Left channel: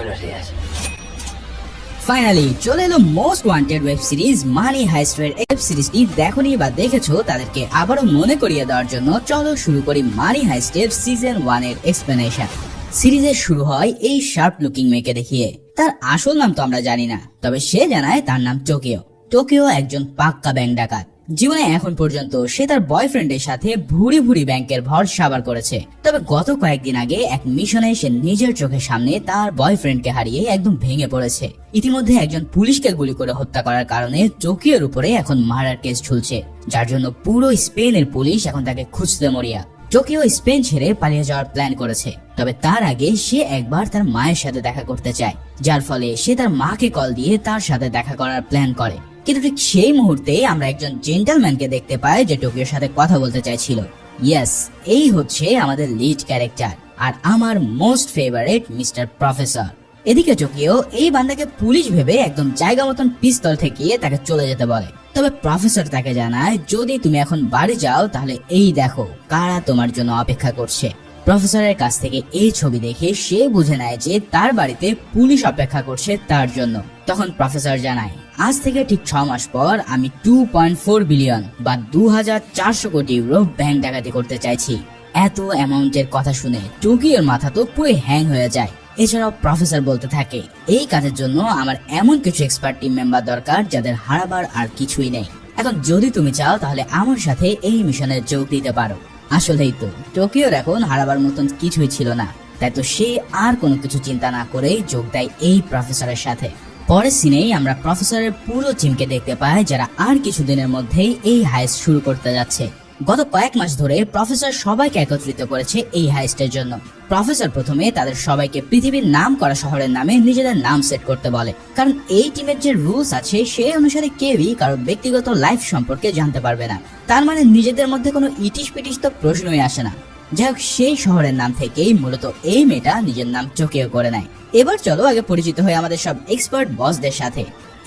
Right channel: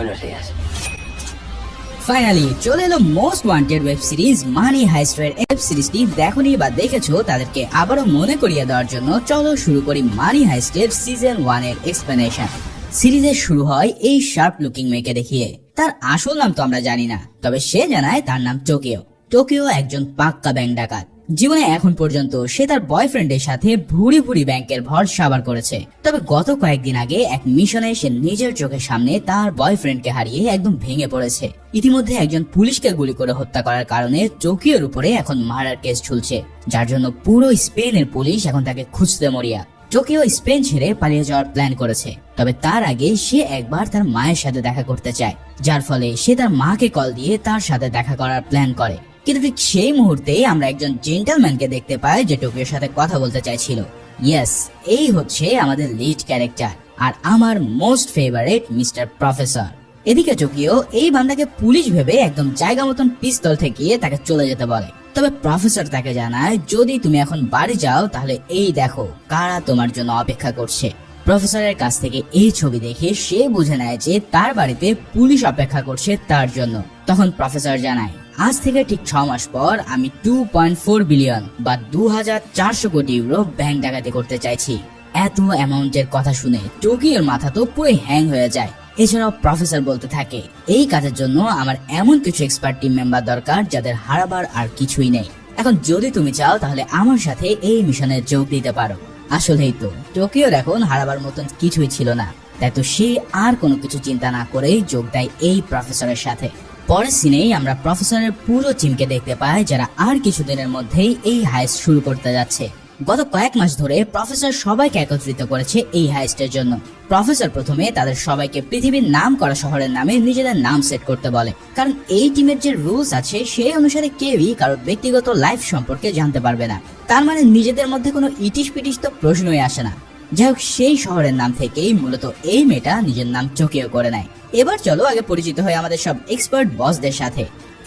Buenos días. Finally চলে এলো most wanted web series মানি হাইস্টের web সিরিজটি দেখোনি বা দেখেছো তাদেরকে আবারও মনে করিয়ে দেওয়ার জন্য চলো শুরু করি মানি হাইস্টের সিজন 1 এর এক্সপ্লেনেশন। সিরিজের শুরু হয় এই শার্প লুকিং মেয়েকে দেখিয়ে। তার আসল নাম তো আমরা জানি না, তবে সে জানায় তার নাম টোকিও। টোকিও একজন পাক্কা ব্যাংক ডাকাত। জীবনে এখন পর্যন্ত সে তার বয়ফ্রেন্ডের সাথে ভুরি ভুরি ব্যাংকের ভর সাবার করেছে, তবে গত কয়েকদিন আগে এক মিশনে সে নিজের চোখের সামনে তার বয়ফ্রেন্ডকে হারিয়ে একদম ভেঙে পড়েছে। ইতিমধ্যে একজন পুলিশকে গুলি করে হত্যা করার কারণে টোকিওর উপরে এখন মার্ডার কেস ঝুলছে, যার জন্য পুরো স্পেনের পুলিশ এখন তাকে খুঁজতে মরিয়া। টোকিও স্পেন ছেড়ে পালিয়ে যাওয়ার প্ল্যান করেছে, তবে তার আগে সে একবার তার মায়ের সাথে দেখা করতে চায়, যার ফলে সে তার মাকে কল দিয়ে তার সাথে দেখা করার প্ল্যান করে। কিন্তু ঠিক সেই মুহূর্তে আমরা একজন জেন্টলম্যানকে দেখতে পাই যে টোকিওর সাথে কথা বলতে চাইছিল। ইয়েস, এই হচ্ছে আমাদের লিড ক্যারেক্টার আর আমার মোস্ট ফেভারিট মিস্টার প্রফেসর। এদিকে টোকিও এই বান্দাকে পুলিশ ভেবে একদম জায়গা মতন পিস্তল ঠেকিয়ে তাকে চলে যেতে বলে, তবে প্রফেসর তাকে জানায় যদি তুমি এখন বাড়ি যাও তাহলে এই দেখো কারা তোমার জন্য অপেক্ষা করছে। প্রফেসরের কাছ থেকে এই ছবি দেখে সে বুঝে নেয় যে তার বাড়িতে পুলিশ অপেক্ষা করছে তার জন্য। তখন প্রফেসর জানায় আজ থেকে ঠিক 6 মাস পর আমি 2.4 বিলিয়ন বা 2400 কোটি ইউরো ব্যাংক ডাকাতি করতে চাইছি। এত অ্যামাউন্টের কথা শুনে টোকিওর মাথা তো পুরো হ্যাং হয়ে যায়। এছাড়াও প্রফেসর বলতে থাকে এই কাজের জন্য আমার এমন কিছু এক্সপার্ট টিম মেম্বার দরকার যাদের হারাবার আর কিছুই নেই। এখন যদি তুমি চাও তাহলে আমার সাথে এই মিশনে যোগ দিতে পারো। আসলেই তো টোকিওর এখন হারাবার মতন কিছুই ছিল না, তাই তো সে আর কোনো কিছু চিন্তা না করেই যোগ দেয় এই প্রফেসরের সাথে। পরের সিনেই আমরা প্রফেসরের পুরো টিমকে দেখতে পাই যারা আর কিছুদিনের মধ্যেই এই হাইস্ট শুরু করতে যাচ্ছে। গত কয়েক মাস ধরে প্রফেসর সবাইকে একত্রিত করেছে এই হাইস্টের জন্য। প্রফেসর প্রথমে তাদের সবাইকে পৃথিবীর নাম করা শহরের নামে নিজেদের নাম সেট করতে বলে, কারণ এই টিমের যে রুলস আছে সেই অনুসারে কেউই কারোর ব্যক্তিগত লাইফ সম্পর্কে জানতে পারবে না। তার মানে নিজেদের মধ্যে কোনো ইটিশ পিটিশ তো প্রশ্নই আসে না। যাই হোক, সেই শহরের নাম থেকেই মূলত এই মেয়েটা নিজের নাম টোকিও করে নেয়। এবার চলো আগে পরিচিত হয়ে আমাদের সব এক্সপার্ট বসদের সাথে।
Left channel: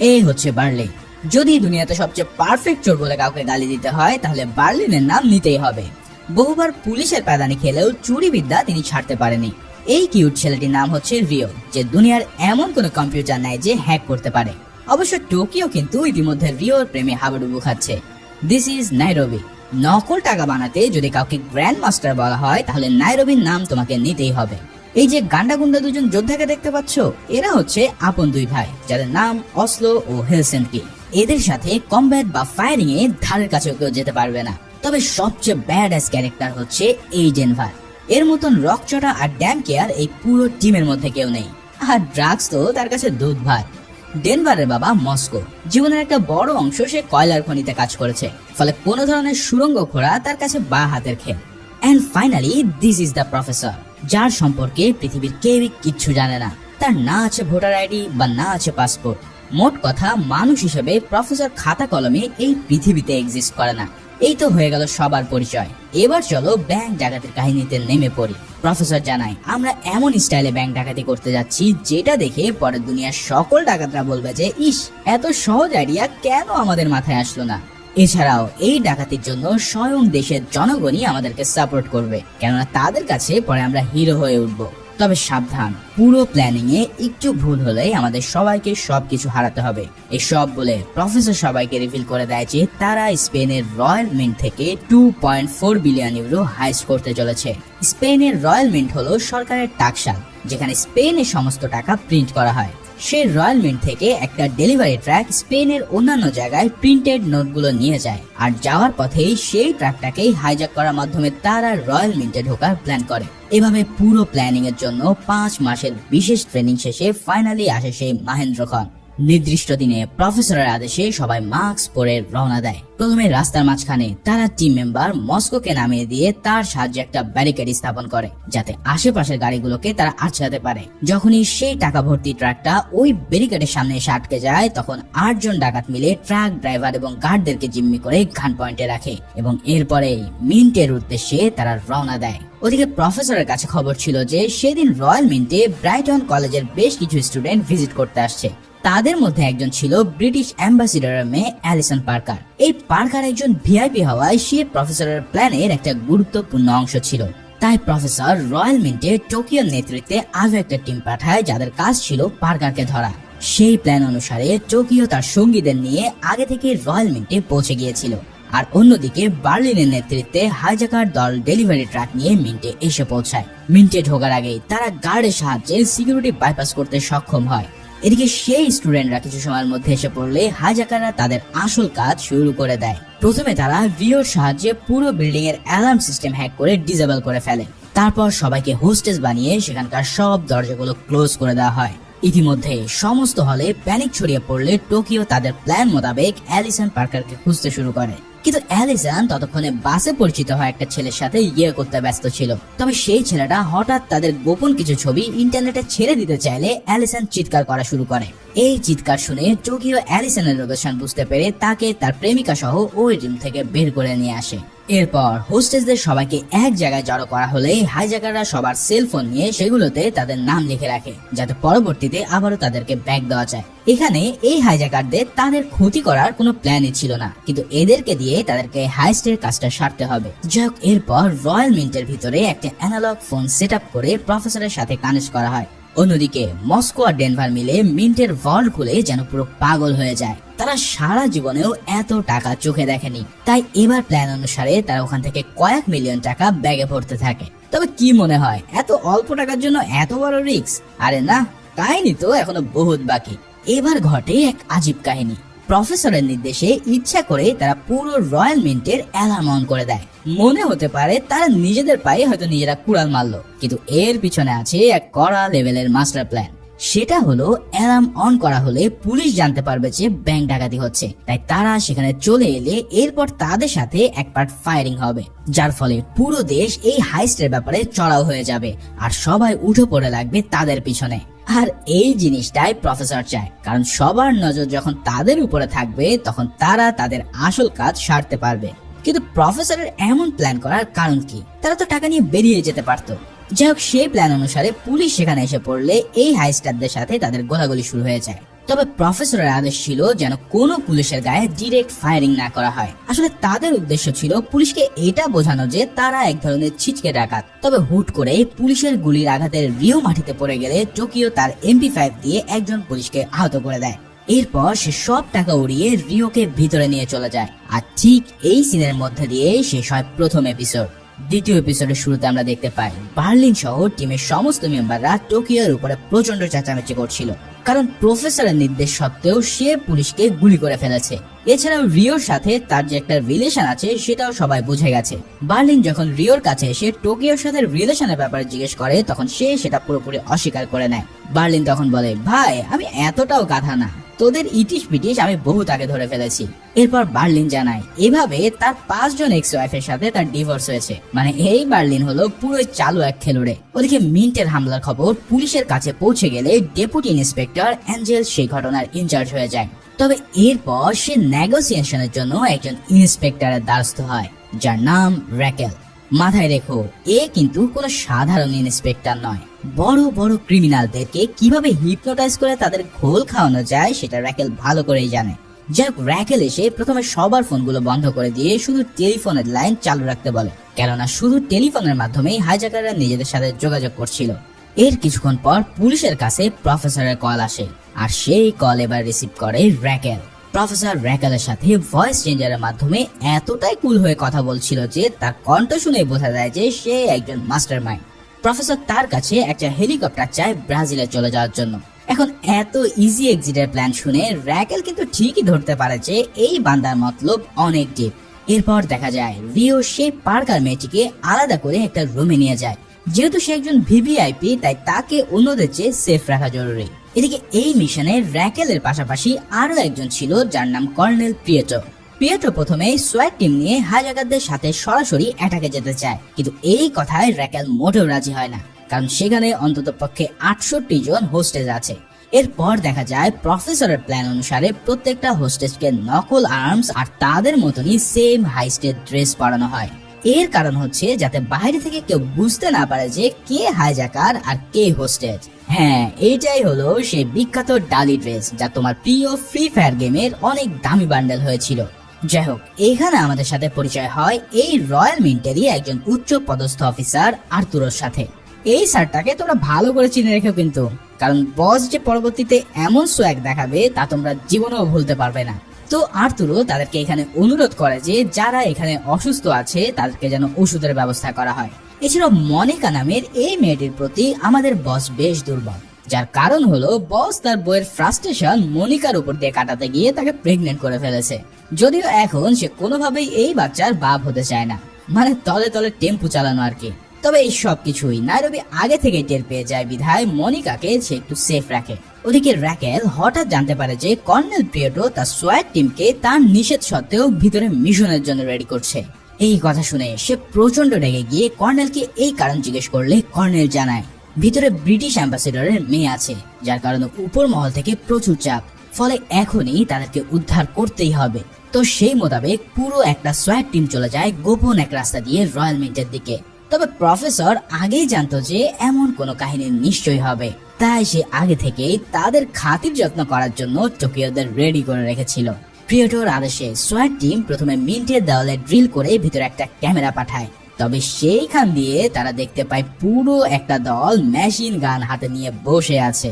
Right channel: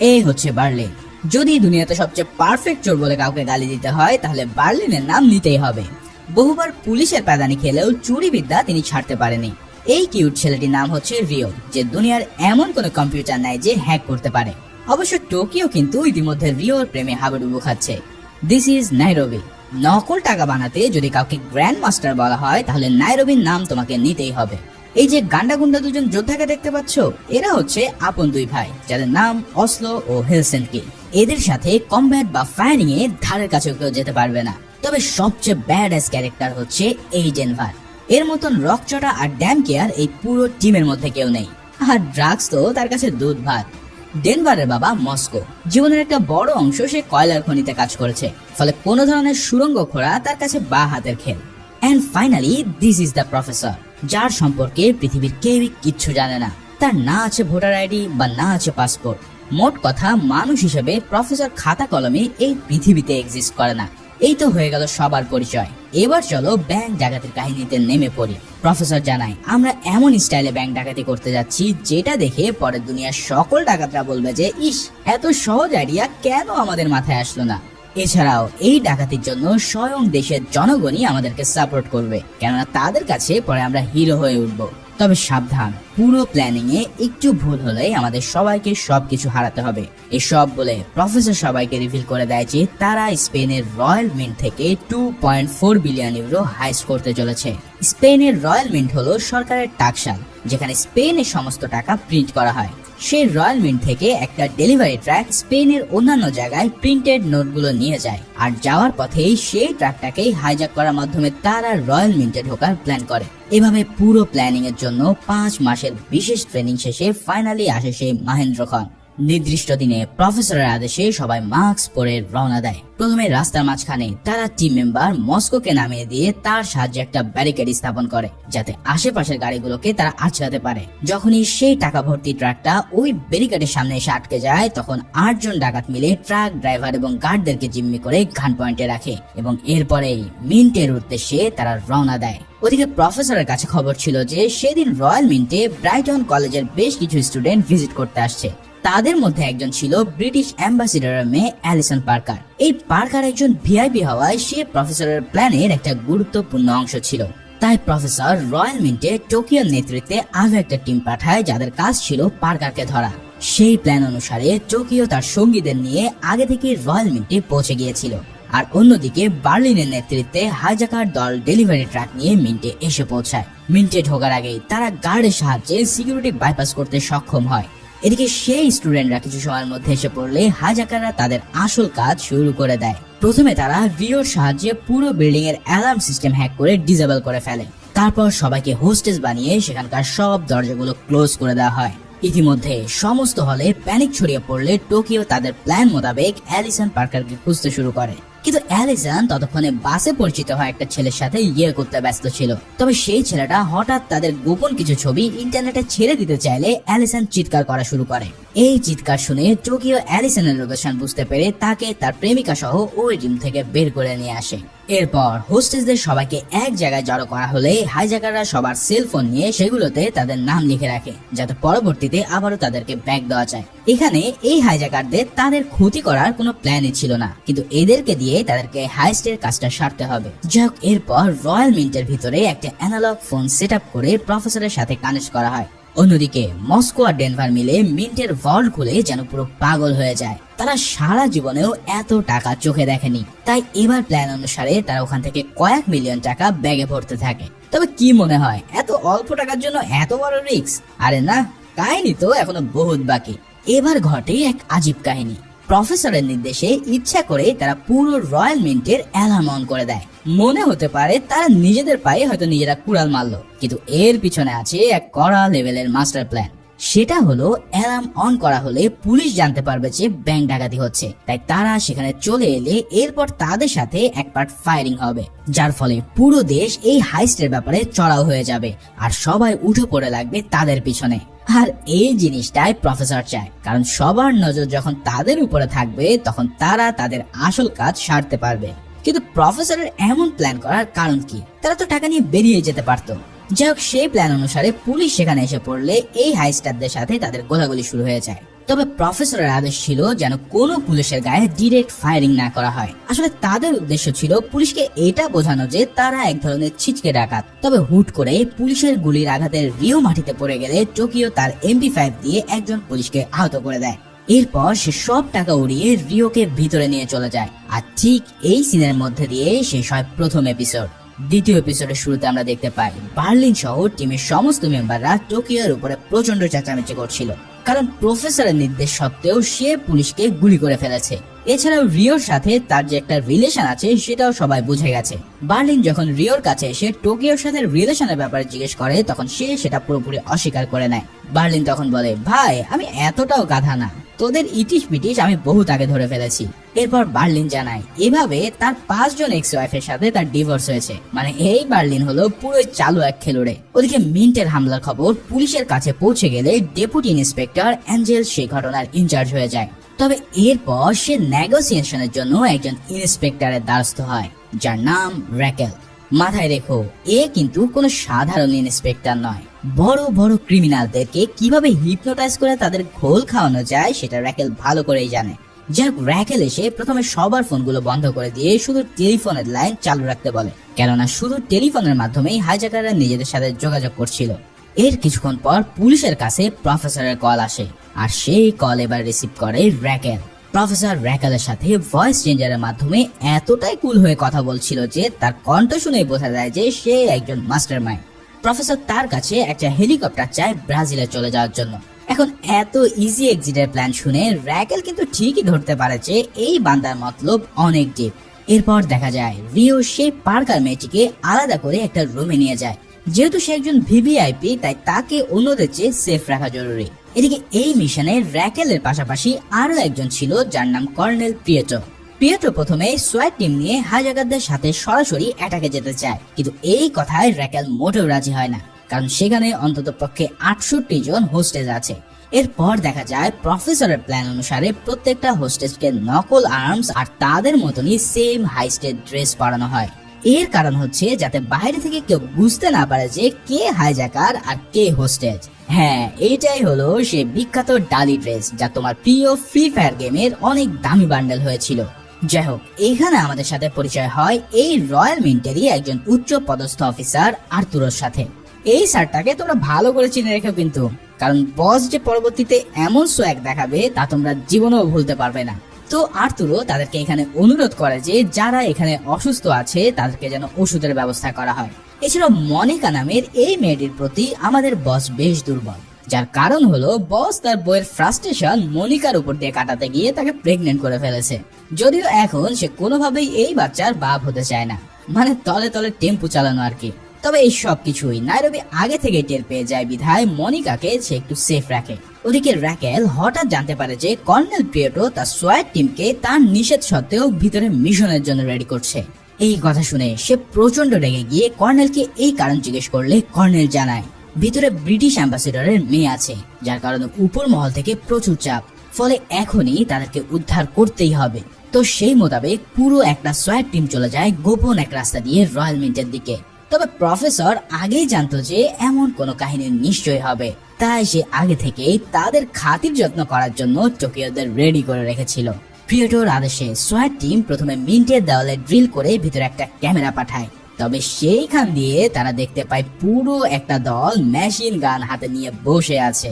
এই হচ্ছে বার্লিন। যদি দুনিয়াতে সবচেয়ে পারফেক্ট চোর বলে কাউকে গালি দিতে হয় তাহলে বার্লিনের নাম নিতেই হবে। বহুবার পুলিশের প্যাদানি খেলেও চুরি বিদ্যা তিনি ছাড়তে পারেনি। এই কিউট ছেলেটির নাম হচ্ছে রিও, যে দুনিয়ার এমন কোনো কম্পিউটার নাই যে হ্যাক করতে পারে। অবশ্য টোকিও কিন্তু ইতিমধ্যে রিওর প্রেমে হাবুডুবু খাচ্ছে। This is Nairobi. নকল টাকা বানাতে যদি কাউকে গ্র্যান্ড মাস্টার বলা হয় তাহলে নাইরোবির নাম তোমাকে নিতেই হবে। এই যে গান্ডা গুন্ডা দুজন যোদ্ধাকে দেখতে পাচ্ছ, এরা হচ্ছে আপন দুই ভাই যাদের নাম অসলো ও হেলসিঙ্কি। এদের সাথে কমব্যাট বা ফায়ারিং এ ধারের কাছেও কেউ যেতে পারবে না। তবে সবচেয়ে ব্যাডাস ক্যারেক্টার হচ্ছে এই ডেনভার। এর মতন রকচটা আর ড্যাম কেয়ার এই পুরো টিমের মধ্যে কেউ নেই। আর ড্রাগস তো তার কাছে দুধ ভাত। ডেনভারের বাবা মস্কো, জীবনের একটা বড় অংশ সে কয়লার খনিতে কাজ করেছে, ফলে কোনো ধরনের সুড়ঙ্গ খোঁড়া তার কাছে বা হাতের খেল। And finally this is the professor, যার সম্পর্কে পৃথিবীর কেউই কিচ্ছু জানে না। তার না আছে ভোটার আইডি বা না আছে পাসপোর্ট। মোট কথা, মানুষ হিসেবে প্রফেসর খাতা কলমে এই পৃথিবীতে এক্সিস্ট করে না। এই তো হয়ে গেল সবার পরিচয়। এবার চলো ব্যাংক ডাকাতির কাহিনীতে নেমে পড়ি। প্রফেসর জানায় আমরা এমন স্টাইলে ব্যাংক ডাকাতি করতে যাচ্ছি যেটা দেখে পরে দুনিয়ার সকল ডাকাতরা বলবে যে ইস, এত সহজ আইডিয়া কেন আমাদের মাথায় আসলো না। এছাড়াও এই ডাকাতির জন্য স্বয়ং দেশের জনগণই আমাদেরকে সাপোর্ট করবে, কেননা তাদের কাছে পরে আমরা হিরো হয়ে উঠবো। তবে সাবধান, পুরো প্ল্যানিং এ একটু ভুল হলেই আমাদের সবাইকে সবকিছু হারাতে হবে। এসব বলে প্রফেসর সবাইকে রিভিল করে দেয় যে তারা স্পেনের রয়্যাল মিন্ট থেকে 2.4 বিলিয়ন ইউরো হাইস্ট করতে চলেছে। স্পেনের রয়্যাল মিন্ট হলো সরকারের টাকশাল, যেখানে স্পেনের সমস্ত টাকা প্রিন্ট করা হয়। সেই রয়্যাল মিন্ট থেকে একটা ডেলিভারি ট্রাক স্পেনের অন্যান্য জায়গায় প্রিন্টেড নোটগুলো নিয়ে যায়, আর যাওয়ার পথে সেই ট্রাকটাকেই হাইজ্যাক করার মাধ্যমে তারা রয়্যাল মিন্টে ঢোকার প্ল্যান করে। এভাবে পুরো প্ল্যানিং এর জন্য 5 মাসের বিশেষ ট্রেনিং শেষে ফাইনালি আসে সেই মহেন্দ্র খান। নির্দিষ্ট দিনে প্রফেসরের আদেশে সবাই মাস্ক পরে রওনা দেয়। প্রথমে রাস্তার মাঝখানে তারা টিম মেম্বার মস্কোকে নামিয়ে দিয়ে তার সাহায্যে একটা ব্যারিকেড স্থাপন করে, যাতে আশেপাশের গাড়িগুলোকে তারা আঁচড়াতে পারে। যখনই সেই টাকা ভর্তি ট্রাকটা ওই ব্যারিকেডের সামনে এসে আটকে যায়, তখন 8 জন ডাকাত মিলে ট্রাক ড্রাইভার এবং গার্ডদেরকে জিম্মি করে গান পয়েন্টে রাখে এবং এরপরেই মিন্টের উদ্দেশ্যে তারা রওনা দেয়। ওদিকে প্রফেসরের কাছে খবর ছিল যে সেদিন রয়্যাল মিন্টে ব্রাইটন কলেজের বেশ কিছু স্টুডেন্ট ভিজিট করতে আসছে। তাদের মধ্যে একজন ছিল ব্রিটিশ অ্যাম্বাসিডারের মেয়ে অ্যালিসন পার্কার। এই পার্কার একজন ভিআইপি হওয়ায় সে প্রফেসরের প্ল্যানের একটা গুরুত্বপূর্ণ অংশ ছিল। তাই প্রফেসর রয়্যাল মিন্টে টোকিওর নেতৃত্বে আরো একটা টিম পাঠায় যাদের কাজ ছিল পার্কারকে ধরা। সেই প্ল্যান অনুসারে টোকিও তার সঙ্গীদের নিয়ে আগে থেকে রয়্যাল মিন্টে পৌঁছে গিয়েছিল, আর অন্যদিকে বার্লিনের নেতৃত্বে হাইজ্যাকার দল ডেলিভারি ট্রাক নিয়ে মিন্টে এসে পৌঁছায়। মিন্টে ঢোকার আগেই তারা গার্ডের সাহায্যে সিকিউরিটি বাইপাস করতে সক্ষম হয়। এদিকে সেই স্টুডেন্টরা কিছু সময়ের মধ্যে এসে পড়লে হাইজ্যাকাররা তাদের আসল কাজ শুরু করে দেয়। প্রথমে তারা রিওর সাহায্যে পুরো বিল্ডিং এর অ্যালার্ম সিস্টেম হ্যাক করে ডিসেবল করে ফেলে। তারপর সবাইকে হোস্টেজ বানিয়ে সেখানকার সব দরজাগুলো ক্লোজ করে দেওয়া হয়। ইতিমধ্যে সমস্ত হলে প্যানিক ছড়িয়ে পড়লে টোকিও তাদের প্ল্যান মোতাবেক অ্যালিসন পার্কারকে খুঁজতে শুরু করে। কিন্তু অ্যালিসন ততক্ষণে বাসে পরিচিত হয় একটা ছেলের সাথে ইয়ে করতে ব্যস্ত ছিল। তবে সেই ছেলেটা হঠাৎ তাদের গোপন কিছু ছবি ইন্টারনেটে ছেড়ে দিতে চাইলে অ্যালিসন চিৎকার করা শুরু করে। এই চিৎকার শুনে টোকিও অ্যালিসনের লোকেশন বুঝতে পেরে তাকে তার প্রেমিকা সহ ওই জিম থেকে বের করে নিয়ে আসে। এরপর হোস্টেসদের সবাইকে এক জায়গায় জড়ো করা হলে হাইজ্যাকাররা সবার সেলফোন নিয়ে সেগুলোতে তাদের নাম লিখে রাখে, যাতে পরবর্তীতে আবারও তাদেরকে ব্যাক দেওয়া যায়। এখানে এই হাইজ্যাকারদের তাদের ক্ষতি করার কোনো প্ল্যানই ছিল না, কিন্তু এদেরকে দিয়ে তাদেরকে হাইস্টের কাজটা সারতে হবে। যাক, এরপর রয়্যাল মিন্টের ভিতরে একটা অ্যানালগ ফোন সেট আপ করে প্রফেসরের সাথে কানেক্ট করা হয়। অন্যদিকে মস্কো আর ডেনভার মিলে মিন্টের ভল্ট খুলে যেন পুরো পাগল হয়ে যায়। তারা সারা জীবনেও এত টাকা চোখে দেখেনি, তাই এবার প্ল্যান অনুসারে তারা ওখান থেকে কয়েক মিলিয়ন টাকা ব্যাগে ভরতে থাকে। তবে কি মনে হয় এত অল্প টাকার জন্য এত বড় রিস্ক? আরে না, কাহিনী তো এখনো বহুত বাকি। এবার ঘটে এক আজীব কাহিনী। প্রফেসরের নির্দেশে ইচ্ছা করে তারা পুরো রয়্যাল মিন্টের অ্যালার্ম অন করে দেয়। মনে হতে পারে তারা নিজেদের পায়ে হয়তো নিজেরা কুড়াল মারলো, কিন্তু এর পিছনে আছে এক কড়া লেভেলের মাস্টার প্ল্যান। সেটা হলো অ্যালার্ম অন করা হলে পুলিশ জানতে পারবে যে ব্যাংক ডাকাতি হচ্ছে, তাই তারা সেখানে চলে এলে এরপর তাদের সাথে এক পার্ট ফায়ারিং হবে, যার ফলে পুরো দেশ এই হাইস্টের ব্যাপারে চড়াও হয়ে যাবে আর সবাই উঠে পড়ে লাগবে তাদের পিছনে। আর এই জিনিসটাই প্রফেসর চায়, কারণ সবার নজর যখন তাদের উপরে থাকবে তখন তারা তাদের আসল কাজ সারতে পারবে। কিন্তু প্রফেসরের এমন প্ল্যান করার কারণ কি? তারা তো টাকা নিয়ে বেরিয়ে যেতে পারতো। যাই হোক, সেই প্ল্যান অনুসারে পুলিশ সেখানে এসে পড়লে এই হাইস্টারদের সাথে তাদের গোলাগুলি শুরু হয়ে যায়। তবে প্রফেসরের আদেশ ছিল যেন কোনো পুলিশের গায়ে ডিরেক্ট ফায়ারিং না করা হয়। আসলে তাদের উদ্দেশ্য ছিল পুলিশকে এটা বোঝানো যে তারা এক ধরনের ছিচকে ডাকাত। তবে হুট করে পুলিশের গুলির আঘাতের রিও মাটিতে পড়ে গেলে টোকিও তার MP5 দিয়ে একজন পুলিশকে আহত করে দেয়। এরপর সে সব টাকা উড়িয়ে রিওকে ভিতরে নিয়ে চলে যায়। আর ঠিক এই সিনের মধ্যে দিয়ে শেষ হয় প্রথম এপিসোড। দ্বিতীয় এপিসোডের শুরুতে আমরা দেখতে পাই বার্লিন শহর টিমের সমস্ত মেম্বাররা টোকিওর উপরে প্রচন্ড চেঁচামেচি করছিল, কারণ প্রফেসরের নির্দেশ সত্ত্বেও সে পুলিশকে গুলি করে ফেলেছে। এছাড়াও রিওর সাথে তার যে একটা রিলেশন আছে সেটাও সবাই বুঝে গেছে। বার্লিন যখন রিওর কাছে এসে টোকিওর সাথে রিলেশনের ব্যাপারে জিজ্ঞেস করে তখন সে সেটা পুরোপুরি অস্বীকার করে নেয়। বার্লিন তখন বলে, ভাই আমি এতটাও গাধা না, তোদের ইটিশ পিটিশ আমি বহুত আগে ধরে ফেলেছি। এরপর বার্লিন জানায় এভাবে তার 5 জন এক্স ওয়াইফের সাথে তার ডিভোর্স হয়েছে। মানে এই বার্লিন হলো পুরোই চালু এক খেলুড়ে। ওদিকে মিন্টের হামলার খবর পুলিশের কাছে পৌঁছে গেলে ডেপুটি ইন্সপেক্টর অ্যাঞ্জেল সেই ঘটনার ইনচার্জ হয়ে যায়। তবে এরপর সে নেগোসিয়েশনের জন্য একজন ইন্সপেক্টরের দ্বারস্থ হয়, যার নাম র্যাকেল। মাথায় রেখো, এ কিন্তু কোনো সাধারণ ইন্সপেক্টর নয়। বড় বড় ক্রিমিনালদেরকে কিভাবে হিপনোটাইজ করে তাদের ঘোল খাওয়ানো যায় সেটা র্যাকেল ভালো করেই জানে। যাক, র্যাকেল এসে প্রথমে সবার ফোনগুলো বন্ধ করে দিয়ে শুধু টেলিফোনের লাইন চালু রাখতে বলে, কেননা শুধু টেলিফোনের মাধ্যমেই হাইজ্যাকাররা নিজেদের সাথে যোগাযোগ করছিল। এর কিছুক্ষণ পর পুলিশের কাছে প্রফেসরের কল আসে, আর সেই কল এবার রিসিভ করে র্যাকেল। প্রফেসর র্যাকেলের সাথে ভয়েস চেঞ্জারের মাধ্যমে এতটাই কুল হয়ে কথা বলছিল যে তার কণ্ঠ শুনে বোঝা যায় যে সে একজন মাস্টারমাইন্ড। প্রফেসর তার কাছে একটা হেলিকপ্টার চায় ব্রাজিলে চলে যাওয়ার জন্য। এখন এত ইজি এক্সিটের প্ল্যান শুনে র্যাকেল কিন্তু ঠিকই ধরতে পারে যে এই বান্দার মতলব অনেক ডিপ। এরপর দেখা যায় রিও সেই পার্কার মেয়েটিকে আলাদা করে একটা রুমে নিয়ে যায়। যেহেতু সে একজন ভিভিআইপি, তাই তাকে অন্যদের চেয়ে সেফ রাখা জরুরি। এদিকে এই মিশনে র্যাকেলের পাশাপাশি আরো একজন ছিল যার নাম কর্নেল পিয়েটো। পিয়েটো প্রথমে সোয়াট টিম নিয়ে হাইজ্যাকারদের সাথে সরাসরি অ্যাটাকে যেতে চায়, কিন্তু এই কথায় র্যাকেল মোটেও রাজি হয় না, কারণ সেখানে অন্তত পক্ষে 68 জন হোস্টেজ আছে। এরপর দেখা যায় প্রফেসরের প্ল্যান অনুসারে প্রত্যেকটা হোস্টেজকে নকল আর্মস আর তাদের মতনই সেম হাইস্টেড ড্রেস পরানো হয়। এর কারণ হচ্ছে যাতে বাইরে থেকে কেউ বুঝতে না পারে যে কে হাইজ্যাকার আর কে হোস্টেজ। হ্যাঁ, এটাই হলো সেই বিখ্যাত ডালি ড্রেস যা তোমার প্রিয় ফ্রি ফায়ার গেমের অনেক দামি বান্ডেল হয়েছিল। যাই হোক, এখানে আমাদের সাথে পরিচয় হয় এই রয়্যাল মিন্টেরই একজন উচ্চ পদস্থ অফিসার আর্তুরোর সাথে। এই স্যারটাকে তোমরা ভালো করে চিনে রেখো কিন্তু, কারণ বস যে পরবর্তীতে এমন সোয়াগ দেখাবে তা তোমরা জীবনেও ভুলতে পারবে না। তো আর্তুরো তাদেরকে এখানে অনুরোধ করে যে যারা এখানে অসুস্থ আছে তাদেরকে যেন ওষুধের ব্যবস্থা করা হয়। এছাড়াও মনিকা নামের এই মেয়েটির প্রতি আমাদের বস বেশ দুর্বল, যার কারণ হলো বস তার বইয়ের ফ্রাস্ট্রেশন মনিকার উপর দিয়ে কাটাতে গিয়ে তাকে প্রেগনেন্ট করে ফেলেছে। যদিও এখন সে কোনোভাবেই এই বাচ্চার বাপ হতে চায় না, মানে তলে তলে টেম্পু চালানো আর কি। তবে এই সব কিছুই নাইরোবি আগে থেকে টের পেয়ে যায় বিধায় মনিকাকে সে একটু সেফ রাখে। ওদিকে র্যাকেল হঠাৎ জানতে পারে যে কর্নেল প্রিয়েটো তার সোয়াট টিমকে তার নিষেধ সত্ত্বেও ভিতরে মিশনের জন্য রেডি করছে। এই কথা শুনে সে প্রচন্ড রেগে গিয়ে কর্নেলকে এই কারণ জিজ্ঞেস করলে কর্নেল জানায় ভিতরে ব্রিটিশ অ্যাম্বাসেডরের মেয়ে আছে, যার কারণে উপর মহল থেকে প্রচুর চাপ, ফলে এখনই তাদেরকে উদ্ধার করতেই হবে। তো সেই মোতাবেক পুরো একটা সোয়াট টিম চলে যায় গোপন এক রাস্তা দিয়ে রয়্যাল মিন্টের দিকে। তবে প্রফেসর আগেই জানতো যে এমন কোনো কাহিনী নিশ্চয়ই হবে, তাই সে আগে থেকেই তাদের খাতির যত্ন করার জন্য টোকিওদের রেডি করে রেখেছিল। প্রিয়েটোর আদেশে সোয়াট টিম প্রথমে মিন্টের দেওয়ালে ড্রিল করে ভিতরে একটা ক্যামেরা পাঠায়। তবে সেইখান দিয়ে তারা দেখতে পায় পুরো একটা দল মেশিন গান হাতে নিয়ে বসে আছে।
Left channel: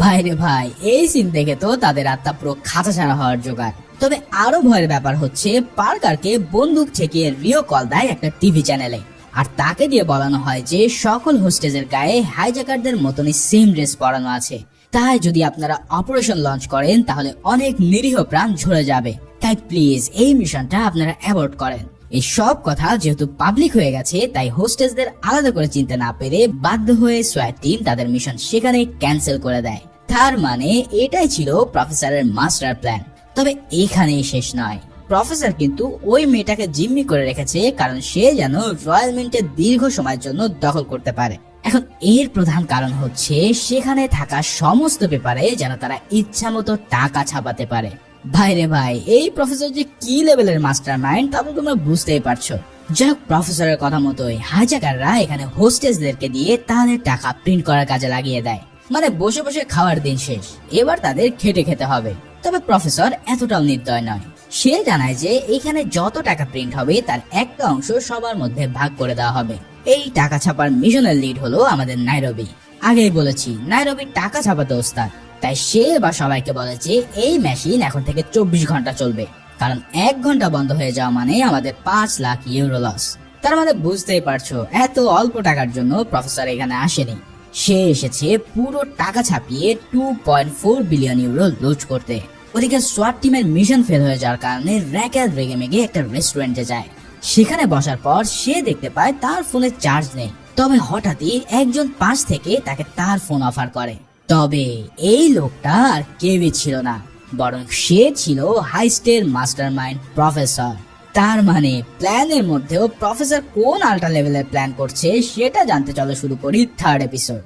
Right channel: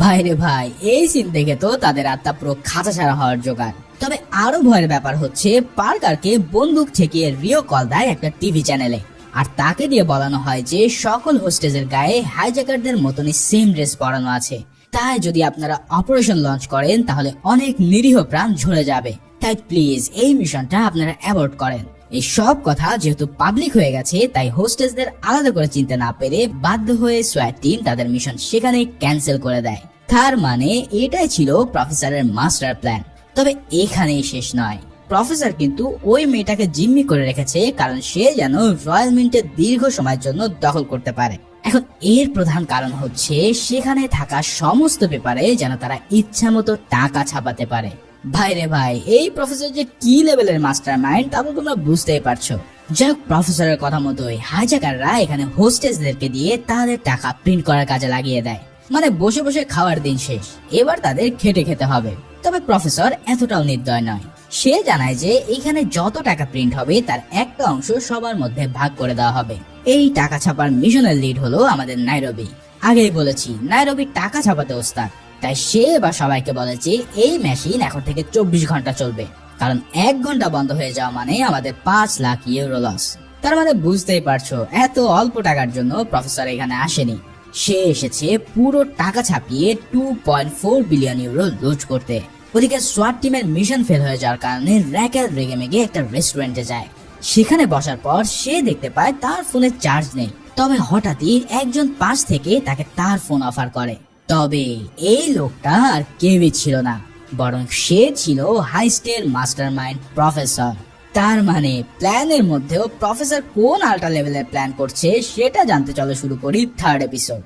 ভাইরে ভাই, এই সিন দেখে তো তাদের আত্মা পুরো খাঁচা ছাড়া হওয়ার জোগাড়। তবে আরো ভয়ের ব্যাপার হচ্ছে পার্কারকে বন্দুক ঠেকিয়ে রিও কল দেয় একটা টিভি চ্যানেলে, আর তাকে দিয়ে বলানো হয় যে সকল হোস্টেজের গায়ে হাইজ্যাকারদের মতনই সেম ড্রেস পরানো আছে, তাই যদি আপনারা অপারেশন লঞ্চ করেন তাহলে অনেক নিরীহ প্রাণ ঝরে যাবে, তাই প্লিজ এই মিশনটা আপনারা অ্যাভয়েড করেন। এই সব কথা যেহেতু পাবলিক হয়ে গেছে তাই হোস্টেসদের আলাদা করে চিনতে না পেরে বাধ্য হয়ে সোয়াট টিম তাদের মিশন সেখানেই ক্যান্সেল করে দেয়। তার মানে এটাই ছিল প্রফেসরের মাস্টার প্ল্যান। তবে এখানেই শেষ নয়, প্রফেসর কিন্তু ওই মেয়েটাকে জিম্মি করে রেখেছে কারণ সে যেন রয়্যাল মিন্টের দীর্ঘ সময়ের জন্য দখল করতে পারে। এখন এর প্রধান কারণ হচ্ছে সেখানে থাকা সমস্ত পেপারে যেন তারা ইচ্ছা মতো টাকা ছাপাতে পারে। ভাইরে ভাই, এই প্রফেসর যে কি লেভেলের মাস্টার মাইন্ড তা তো তোমরা বুঝতেই পারছো। যাক, প্রফেসরের কথা মতোই হাইজ্যাকাররা এখানে হোস্টেসদেরকে দিয়ে তাদের টাকা প্রিন্ট করার কাজে লাগিয়ে দেয়। মানে বসে বসে খাওয়ার দিন শেষ, এবার তাদের খেটে খেতে হবে। তবে প্রফেসর এতটাও নির্দয় নয়, সে জানায় যে এখানে যত টাকা প্রিন্ট হবে তার একটা অংশ সবার মধ্যে ভাগ করে দেওয়া হবে। এই টাকা ছাপার মিশনের লিড হলো আমাদের নাইরোবি। আগেই বলেছি নাইরোবি টাকা ছাপাতে ওস্তাদ, তাই সে এবার সবাইকে বলে যে এই মেশিন এখন থেকে 24 ঘন্টা চলবে, কারণ 1 ঘন্টা বন্ধ হয়ে যাওয়া মানে আমাদের 5 লাখ ইউরো লস। তার মানে বুঝতেই পারছো এত অল্প টাকার জন্য প্রফেসর এখানে আসেনি, সে এসেছে পুরো টাকা ছাপিয়ে 2.4 বিলিয়ন ইউরো লুট করতে। ওদিকে সোয়াট টিমের মিশন ফেল হয়ে যাওয়ার কারণে র্যাকেল রেগে মেগে একটা রেস্টুরেন্টে যায়। সেখানে বসার পর সে দেখতে পায় তার ফোনে চার্জ নেই, তবে হঠাৎই একজন পাশ থেকে তাকে তার ফোন অফার করে। তবে এই লোকটা আর কেউই ছিল না, বরং সে ছিল হাইস্টের মাস্টারমাইন্ড প্রফেসর। তার মানে প্ল্যানের মধ্যেও প্রফেসর কোন আল্ট্রা লেভেলের প্ল্যান করছে সেটা জানতে চলো শুরু করি থার্ড এপিসোড।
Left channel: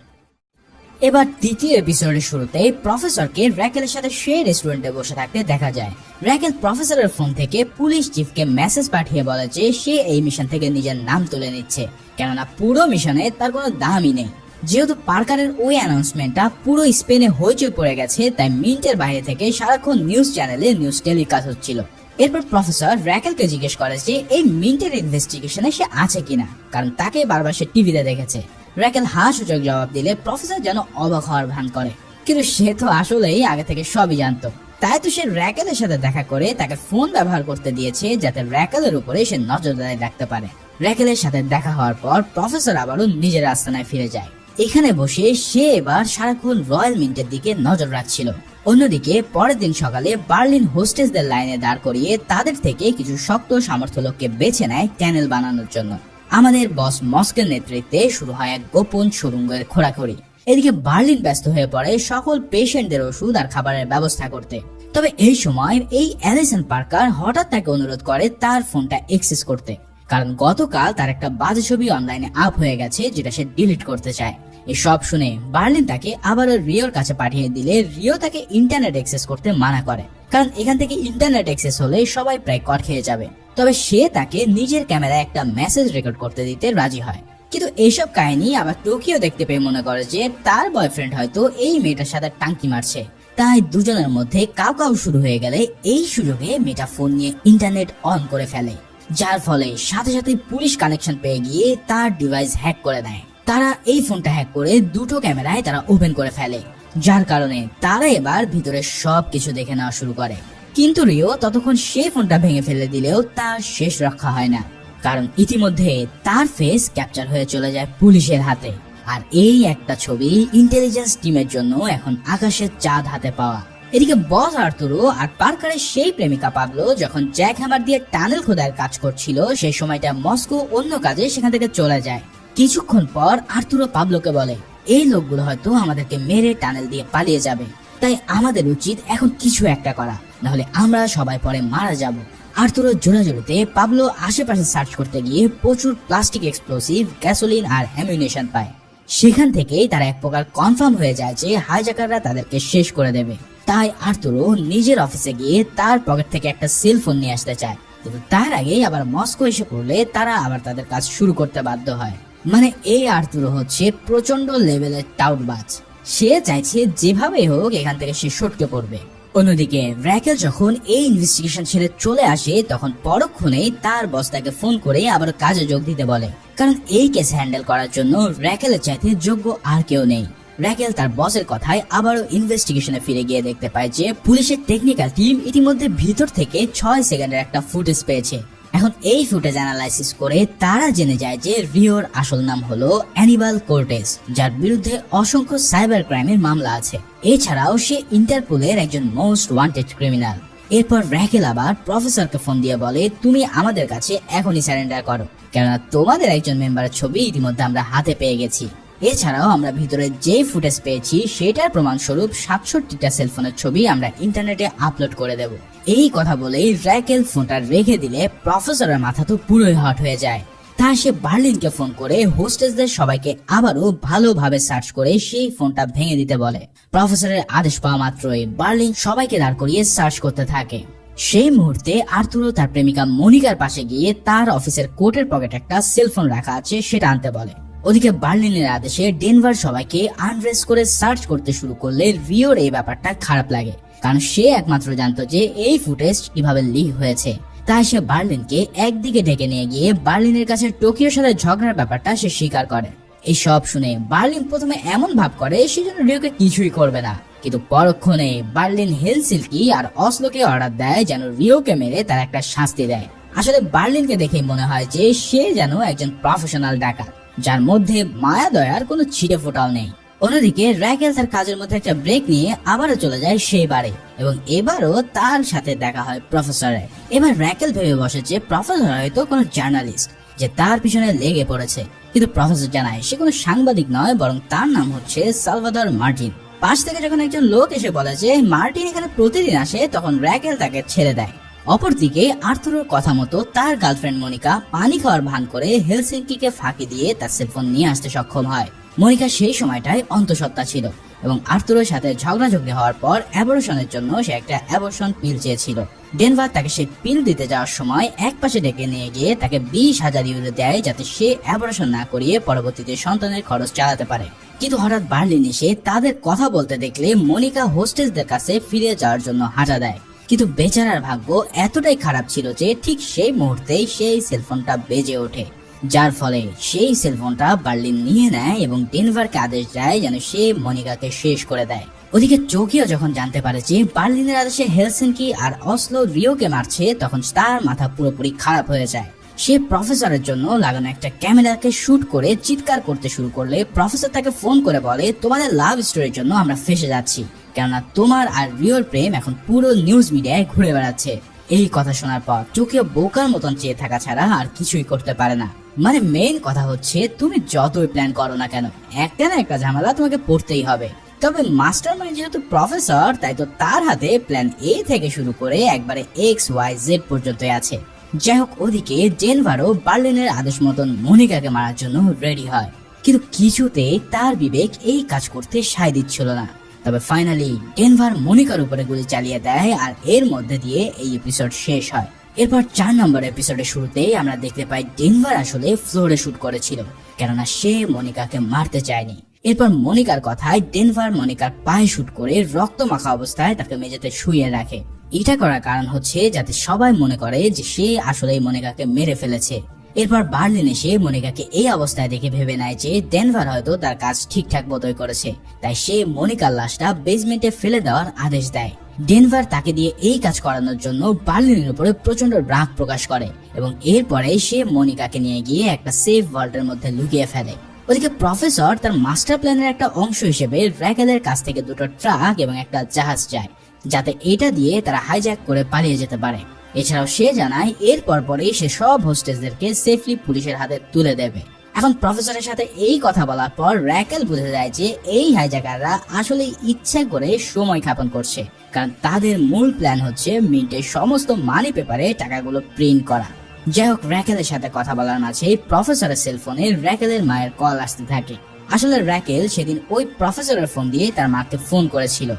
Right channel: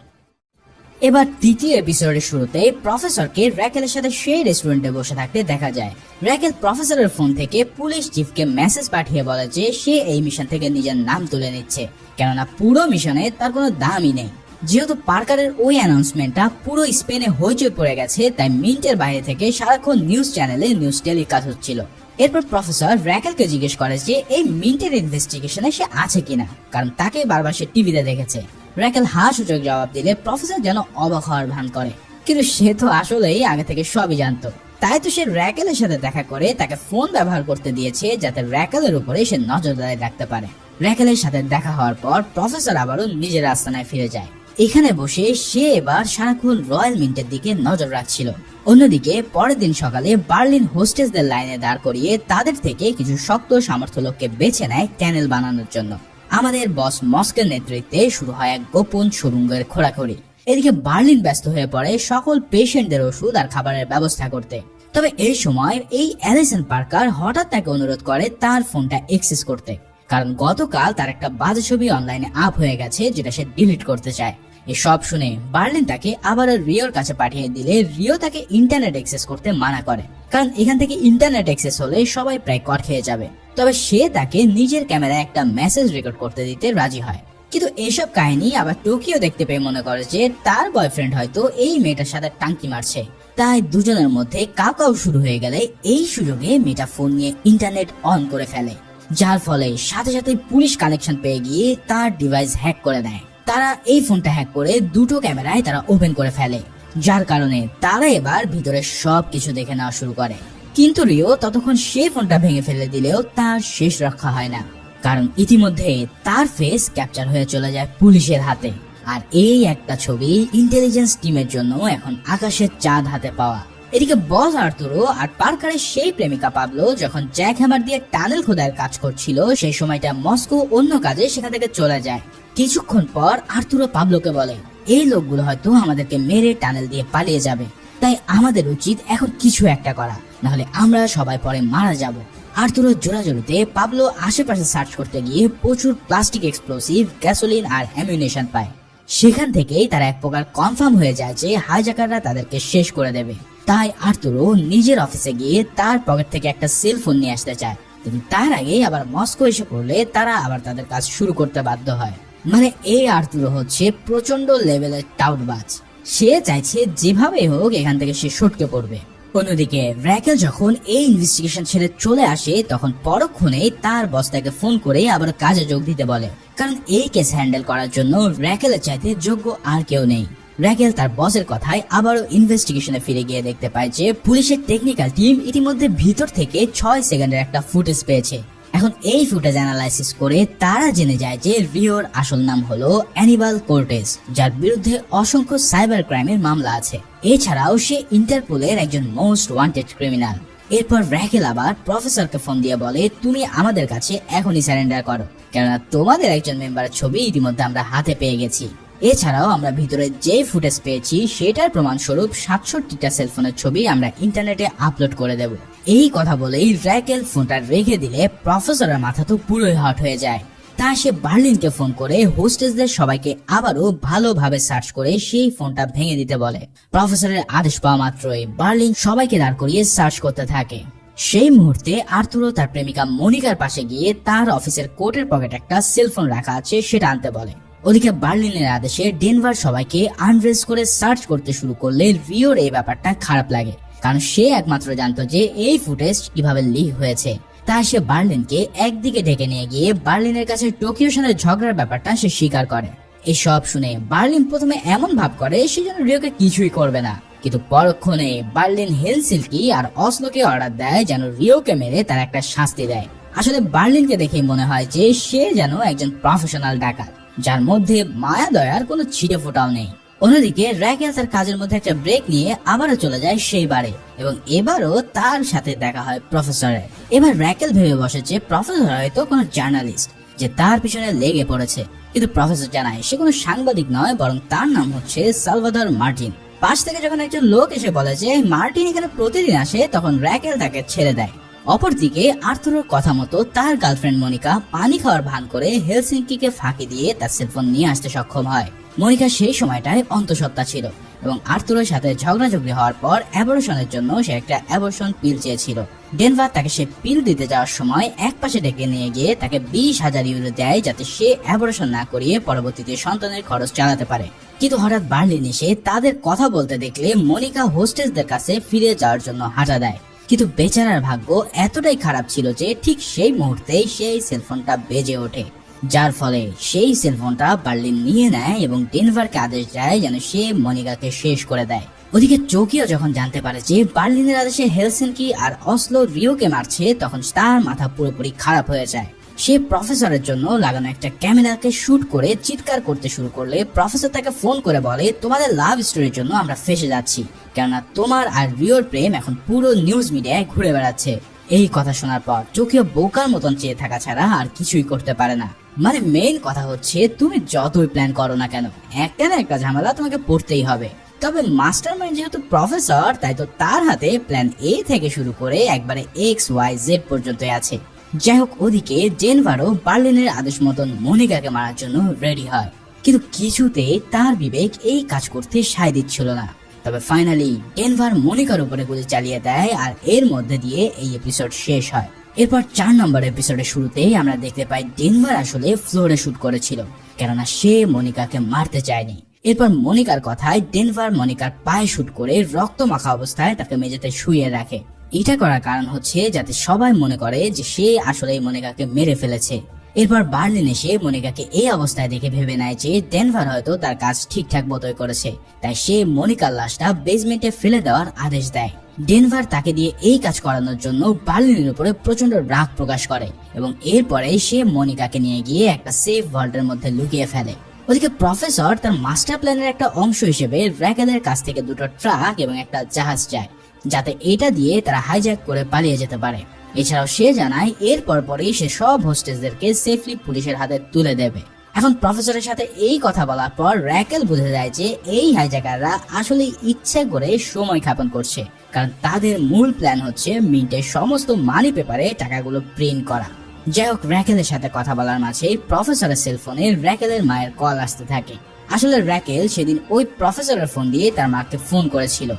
এবার তৃতীয় এপিসোডের শুরুতে প্রফেসরকে র্যাকেলের সাথে সেই রেস্টুরেন্টে বসে থাকতে দেখা যায়। র্যাকেল প্রফেসরের ফোন থেকে পুলিশ চিফকে মেসেজ পাঠিয়ে বলে যে সে এই মিশন থেকে নিজের নাম তুলে নিচ্ছে, কেননা পুরো মিশনে তার কোনো দামই নেই। যেহেতু পার্কারের ওই অ্যানাউন্সমেন্টটা পুরো স্পেনে হইচই পড়ে গেছে, তাই মিন্টের বাইরে থেকে সারাক্ষণ নিউজ চ্যানেলে নিউজ টেলিকাস্ট হচ্ছিল। এরপর প্রফেসর র্যাকেলকে জিজ্ঞেস করে যে এই মিন্টের ইনভেস্টিগেশনে সে আছে কিনা, কারণ তাকে বারবার সে টিভিতে দেখেছে। র্যাকেল সূচক জবাব দিলে প্রফেসর যেন অবাক হওয়ার ভান করে, কিন্তু সে তো আসলেই আগে থেকে সবই জানতো। তাই তো সে র্যাকেলের সাথে দেখা করে তাকে ফোন ব্যবহার করতে দিয়েছে যাতে র্যাকেলের উপরে সে নজরদারি রাখতে পারে। র্যাকেলের সাথে দেখা হওয়ার পর প্রফেসর আবারও নিজের আস্তানায় ফিরে যায়। এখানে বসে সে এবার সারাক্ষণ রয়্যাল মিন্টের দিকে নজর রাখছিল। অন্যদিকে পরের দিন সকালে বার্লিন হোস্টেসদের লাইনে দাঁড় করিয়ে তাদের থেকে কিছু শক্ত সামর্থ্য লোককে বেছে নেয় ক্যানেল বানানোর জন্য। আমাদের বস মস্কের নেতৃত্বে শুরু হয় এক গোপন সুড়ঙ্গের খোঁড়াখড়ি। এদিকে বার্লিন ব্যস্ত হয়ে পড়ে সকল পেশেন্টদের ওষুধ আর খাবারের ব্যবস্থা করতে। তবে এই সময় এই অ্যালিসন পার্কার হঠাৎ তাকে অনুরোধ করে তার ফোনটা অ্যাক্সেস করতে, কারণ গতকাল তার একটা বাজে ছবি অনলাইনে আপ হয়ে গেছে যেটা সে ডিলিট করতে চায়। এসব শুনে বার্লিন তাকে আবার রিওর কাছে পাঠিয়ে দিলে রিও তাকে ইন্টারনেট অ্যাক্সেস করতে মানা করে, কারণ এখান থেকে ইন্টারনেট অ্যাক্সেস হলে সবাই প্রায় কর খেয়ে যাবে। তবে সে তাকে নিজের ক্যামেরায় একটা মেসেজ রেকর্ড করতে দিতে রাজি হয়। কিন্তু এইসব কাহিনী আবার টোকিও দেখতে পেয়ে মনে করে যে তার বয়ফ্রেন্ড হয়তো এই মেয়েটার সাথে টাঙ্কি মারছে, তাই দুজনের মধ্যে কাউ শুরু হয়ে গেলে এই সুযোগে মেয়েটা ফোন নিয়ে ইন্টারনেট অন করে ফেলে, যার ফলে সাথে সাথে পুলিশ কানেকশন পেয়ে গিয়ে তার ডিভাইস হ্যাক করে দেয়। তারা এই ফোনটা হ্যাক করে দুটো ক্যামেরায় তারা ওপেন করে ফেলে, যার কারণে তারা এবার ভিতরে সবকিছু দেখে নেওয়া শুরু করে। কিন্তু রিও ততক্ষণ সেই ফোনটা ভেঙে ফেলে দিলেও তার শেষ রক্ষা হয় না, কারণ ইতিমধ্যে তার ফেস ক্যাপচার হয়ে চলে যায় পুলিশের হাতে। আর এই একটা ছবি ইন্টেলিজেন্স টিমের জন্য এখন আকাশের চাঁদ হাতে পাওয়া। এদিকে বস আর্তুরো আর পার্কারের সেই প্রেমিকা পাবলো যখন জ্যাক হ্যামার দিয়ে টানেল খোদার কাজ করছিল, সেই সময়টা মস্কো অন্য কাজে সেখান থেকে চলে যায়। কিছুক্ষণ পর আর্তুরো পাবলোকে বলে, এই লোকগুলো হয়তো আমাদেরকে মেরে টানেল দিয়ে পালিয়ে যাবে, তাই আমাদের উচিত এখন কিছু একটা করা, নাহলে আমরা সবাই পরে মারা যাব। আর্তুরো জোরাজোরিতে পাবলো আশেপাশে সার্চ করতে গিয়ে প্রচুর প্লাস্টিক এক্সপ্লোসিভ, গ্যাসোলিন আর অ্যামিউনিশন পায়। সেখান থেকেই তারা এক প্রকার কনফার্ম হয়ে যায় যে হাইজ্যাকাররা তাদেরকে শেষ করে দেবে। তাই আর্তুরো নিজের অফিসে গিয়ে তার পকেট থেকে একটা সেল ফোন নিয়ে আসতে চায়, কিন্তু তার আগেই আবার মস্কো এসে পড়লে তারা আবার তাদের কাজ শুরু করতে বাধ্য হয়। মানে এই আর্তুরো হচ্ছে প্রচন্ড লেভেলের টাউটবাজ। সে চাইছে যেভাবে হোক এখান থেকে সে সটকে পড়বে। অন্যদিকে র্যাকেল যখন এই ইনভেস্টিগেশন ছেড়ে চলে আসে, তখন পরক্ষণেই তার বস তাকে ফোন করে আবার কাজে যোগ দিতে বলে, কারণ এই কেস হ্যান্ডেল করার জন্য র্যাকেলের চাইতে যোগ্য আর কেউ নেই। র্যাকেল তার বসের কথায় আবারও ইনভেস্টিগেশনে ফিরে গিয়ে দেখতে পায় যে পুলিশের টেকনিক্যাল টিম ইতিমধ্যে ভিতর থেকে 6 সেকেন্ডের একটা ফুটেজ পেয়েছে। এখন এই ফুটেজ অ্যানালাইসিস করে তারা জেনে যায় যে রিওর আসল নাম হলো অ্যানিবাল কোর্টেস, যার বিরুদ্ধে অসংখ্য সাইবার ক্রাইমের মামলা আছে। এছাড়াও সে ইন্টারপোলের একজন মোস্ট ওয়ান্টেড ক্রিমিনাল। এরপর র্যাকেল আবার প্রফেসরকে ফোন দিয়ে বলে, তুমি আমাদের কাছে এখনই সারেন্ডার করো, কেননা তোমাদের একজন মেম্বারের ছবি ইতিমধ্যে আমরা হাতে পেয়ে গেছি। এছাড়াও আমরা ভিতরে যেই ফুটেজ পেয়েছি সেটার প্রমাণস্বরূপ 67টা সেলফোনের ছবি আমরা ইন্টারনেটে আপলোড করে দেব। এই কথা বলেই র্যাকেল ফোনটা রেখে দিলে প্রফেসরের মাথা তো পুরোই হট হয়ে যায়। তা সে বার্লিনকে ফোন করে হোস্টেসদের সবাইকে আবারও ভালোভাবে সার্চ করে সেই ফোনটা ভেঙে দিতে বলে। প্রফেসরের আদেশ পাওয়া মাত্রই বার্লিন সবাইকে দাঁড় করিয়ে সার্চ করতে থাকে। সেই মুহূর্তে আর্তুরো তার প্রেমিকা মনিকার পাশে গিয়ে তার অফিসের কোটের পকেটে একটা সেলফোন রাখা আছে সেটা আনতে বলে। ওদিকে বার্লিনের আদেশে ডেনভার সবাইকে আনড্রেস করে সার্চ করতে শুরু করলে রিওর এই ব্যাপারটা খারাপ লাগে, কারণ সে একমাত্র জানতো যে এই ফুটেজ কিভাবে লিক হয়েছে। তাই সে বার্লিনকে একদিকে ডেকে নিয়ে গিয়ে বার্লিনের কাছে টোকিওর সাথে ঝগড়ার ব্যাপারটা সে স্বীকার করে। এই সব শুনে বার্লিন প্রথমে এমন ভাব করে সে যেন রিওকে কিছুই করবে না, কিন্তু পরক্ষণে বার্লিন হেলসিঙ্কি আর অসলোকে অর্ডার দেয় যেন রিওকে মেরে তার একটা শাস্তি দেয়। আসলে বার্লিনকে দেখে মনে হয় যে সে যেন একজন প্রফেশনাল ডাকাত, যার মধ্যে মায়া দয়ার কোনো ছিটে ফোটাও নেই। অন্যদিকে র্যাকেল তার কাজের মধ্যে একটা ব্রেক নিয়ে আবারও চলে যায় সেই বারে, এবং এবারও তার সাথে দেখা হয় প্রফেসরের। এবার র্যাকেল ভেবে বসেছে প্রফেসর হয়তো কোনো জার্নালিস্ট যে তার পিছনে লেগে পড়েছে, কিন্তু প্রফেসর জানায় সে কোনো সাংবাদিক নয়, বরং তার নাম হচ্ছে সালভাদর মার্টিন। পাশ থেকে যখন একজন লোক এসে বলে যে মার্টিন এখানে প্রতিদিন আসে, তখন র্যাকেল তাকে ছেড়ে দেয়। অপরদিকে আর্তুরোর কথা মতো তার গার্লফ্রেন্ড মনিকা পানি খাওয়ার ভান করে হেলসিঙ্কিকে ফাঁকি দিয়ে তার সেলফোন নিয়ে আসতে সক্ষম হয়। মনিকা সেই সময়টায় অন্তঃসত্ত্বা ছিল এবং আর্তুরোর সাথে ঝগড়াঝগড়ি হওয়ার পর অ্যাবর্শনের জন্য সে একটা অ্যাবর্শন পিল চেয়েছিল। ডেনভার তাকে সে পিল দিতে যাওয়ার সময় এক পাশে ডেকে নিয়ে গিয়ে তাকে 20,000 ইউরো দেয় যাতে সে অ্যাবর্শন না করিয়ে পরবর্তীতে সন্তানের খরচ চালাতে পারে। কিন্তু হঠাৎ বার্লিন এসে তাদের কথা বলতে দেখলে মনিকা হোস্টেসদের কাছে ফিরে যাওয়ার জন্য হাঁটা দেয়। কিন্তু বেচারার ভাগ্য এতটাই খারাপ ছিল যে ঠিক সেই মুহূর্তেই সেই সেলফোনটা বেজে ওঠে, যার ফলে সেই সেলফোনটা বার্লিন নিয়ে নেয় এবং ডেনভারকে আদেশ দেয় যেন সে মনিকাকে শেষ করে দেয়। ওদিকে টোকিও যখন জানতে পারে যে বার্লিনের আদেশে হেলসিঙ্কি আর অসলো রিওকে মারছে, তখন তার মাথা পুরোপুরি খারাপ হয়ে যায়। সে প্রফেসরের জন্য লাগানো একটা ক্যামেরাকে শুট করে চিৎকার করতে শুরু করলে প্রফেসর তাকে ফোন করে বলে, তোমাদের লাভ স্টোরির জন্য আমরা ফেসে যাচ্ছি, কেননা তোমার আর রিওর প্রেম এখন পুরো নিউজ মিডিয়ায় ঘুরে বেড়াচ্ছে। এই কথা শোনার পর টোকিও বোকার মতন চেয়ে থাকা ছাড়া আর কিছুই করতে পারে না। মানে মেইন কথা হচ্ছে তুমি যতই প্ল্যান করো না কেন, একটা না একটা ঝামেলা তোমাকে পড়তেই হবে। তবে মাস্টার মাইন্ড যেহেতু প্রফেসর, তাই তো তার হাতে প্ল্যান এ থেকে শুরু করে একবারে XYZ পর্যন্ত আছে। যাই হোক, ওদিকে ডেনভারও বার্লিনের আদেশ মতন মনিকাকে মারার জন্য রেডি হয়, কিন্তু কিছুতেই তার বিবেক এই কাজ করতে সায় দিচ্ছিল না। তবে ফাইনালি ডেনভার মনিকার উপরে গুলি চালিয়ে দেয় আর এর মধ্যে দিয়ে এই এপিসোড শেষ হয়। এরপর 4 নম্বর এপিসোডের শুরুতেই আমরা দেখতে পাই ডেনভার আসলে ফ্লোরে শুট করেছিল, কেননা সে মনিকাকে মারতে চায়নি। এরপর মনিকার কথায় ডেনভার মনিকার পায়ে শুট করে রক্ত মাখা অবস্থায় তাকে মেঝেতে শুইয়ে রাখে। এটা করার কারণ হচ্ছে যাতে সবাই মনে করে যে সে আসলেই মনিকাকে মেরে ফেলেছে। এরপর বার্লিন এসে মনিকাকে এই অবস্থায় দেখে ভেবে নেয় যে ডেনভার হয়তো তার কাজ ঠিকঠাক মতোই করেছে, তাই সে মনিকার লাশটা বেসমেন্টে ফেলে দেওয়ার আদেশ দেয়। ডেনভার তাকে দিয়ে এই কাজ করানোর জন্য বার্লিনের উপরে প্রচন্ড রাগ প্রকাশ করে এবং এরপরে সে মনিকাকে নিয়ে গিয়ে একটা সেফ ভল্টের মধ্যে লুকিয়ে ফেলে। ওদিকে প্রফেসর তার মাস্টার প্ল্যানের একটা অংশ হিসেবে র্যাকেলের কাছ থেকে দুটো ট্রাক এবং একটা জাহাজ চায়, যাতে এটা দিয়ে তারা হাইজ্যাক করে পালিয়ে যেতে পারে। এছাড়াও সে জানায় এর পরপরই সে সব হোস্টেসদেরকে সেফলি পুলিশের হাতে তুলে দেবে। এখন প্রফেসরের সাথে এই কথা বলার পর র্যাকেল বুঝে যায় যে এই হাইজ্যাকাররা আসলে ইচ্ছে করে সময় ক্ষেপণ করছে, কারণ তাদের মূল প্ল্যান হচ্ছে মিন্টের সমস্ত মানি পেপারে টাকাগুলো প্রিন্ট করা। যাই হোক, র্যাকেলের সাথে কথা বলার মাঝে প্রফেসরের সেলফোনে র্যাকেলের মায়ের কল আসতে থাকে। আসলে র্যাকেল সেদিন ওই প্রফেসরের ফোন দিয়ে তার মাকে ফোন করেছিল,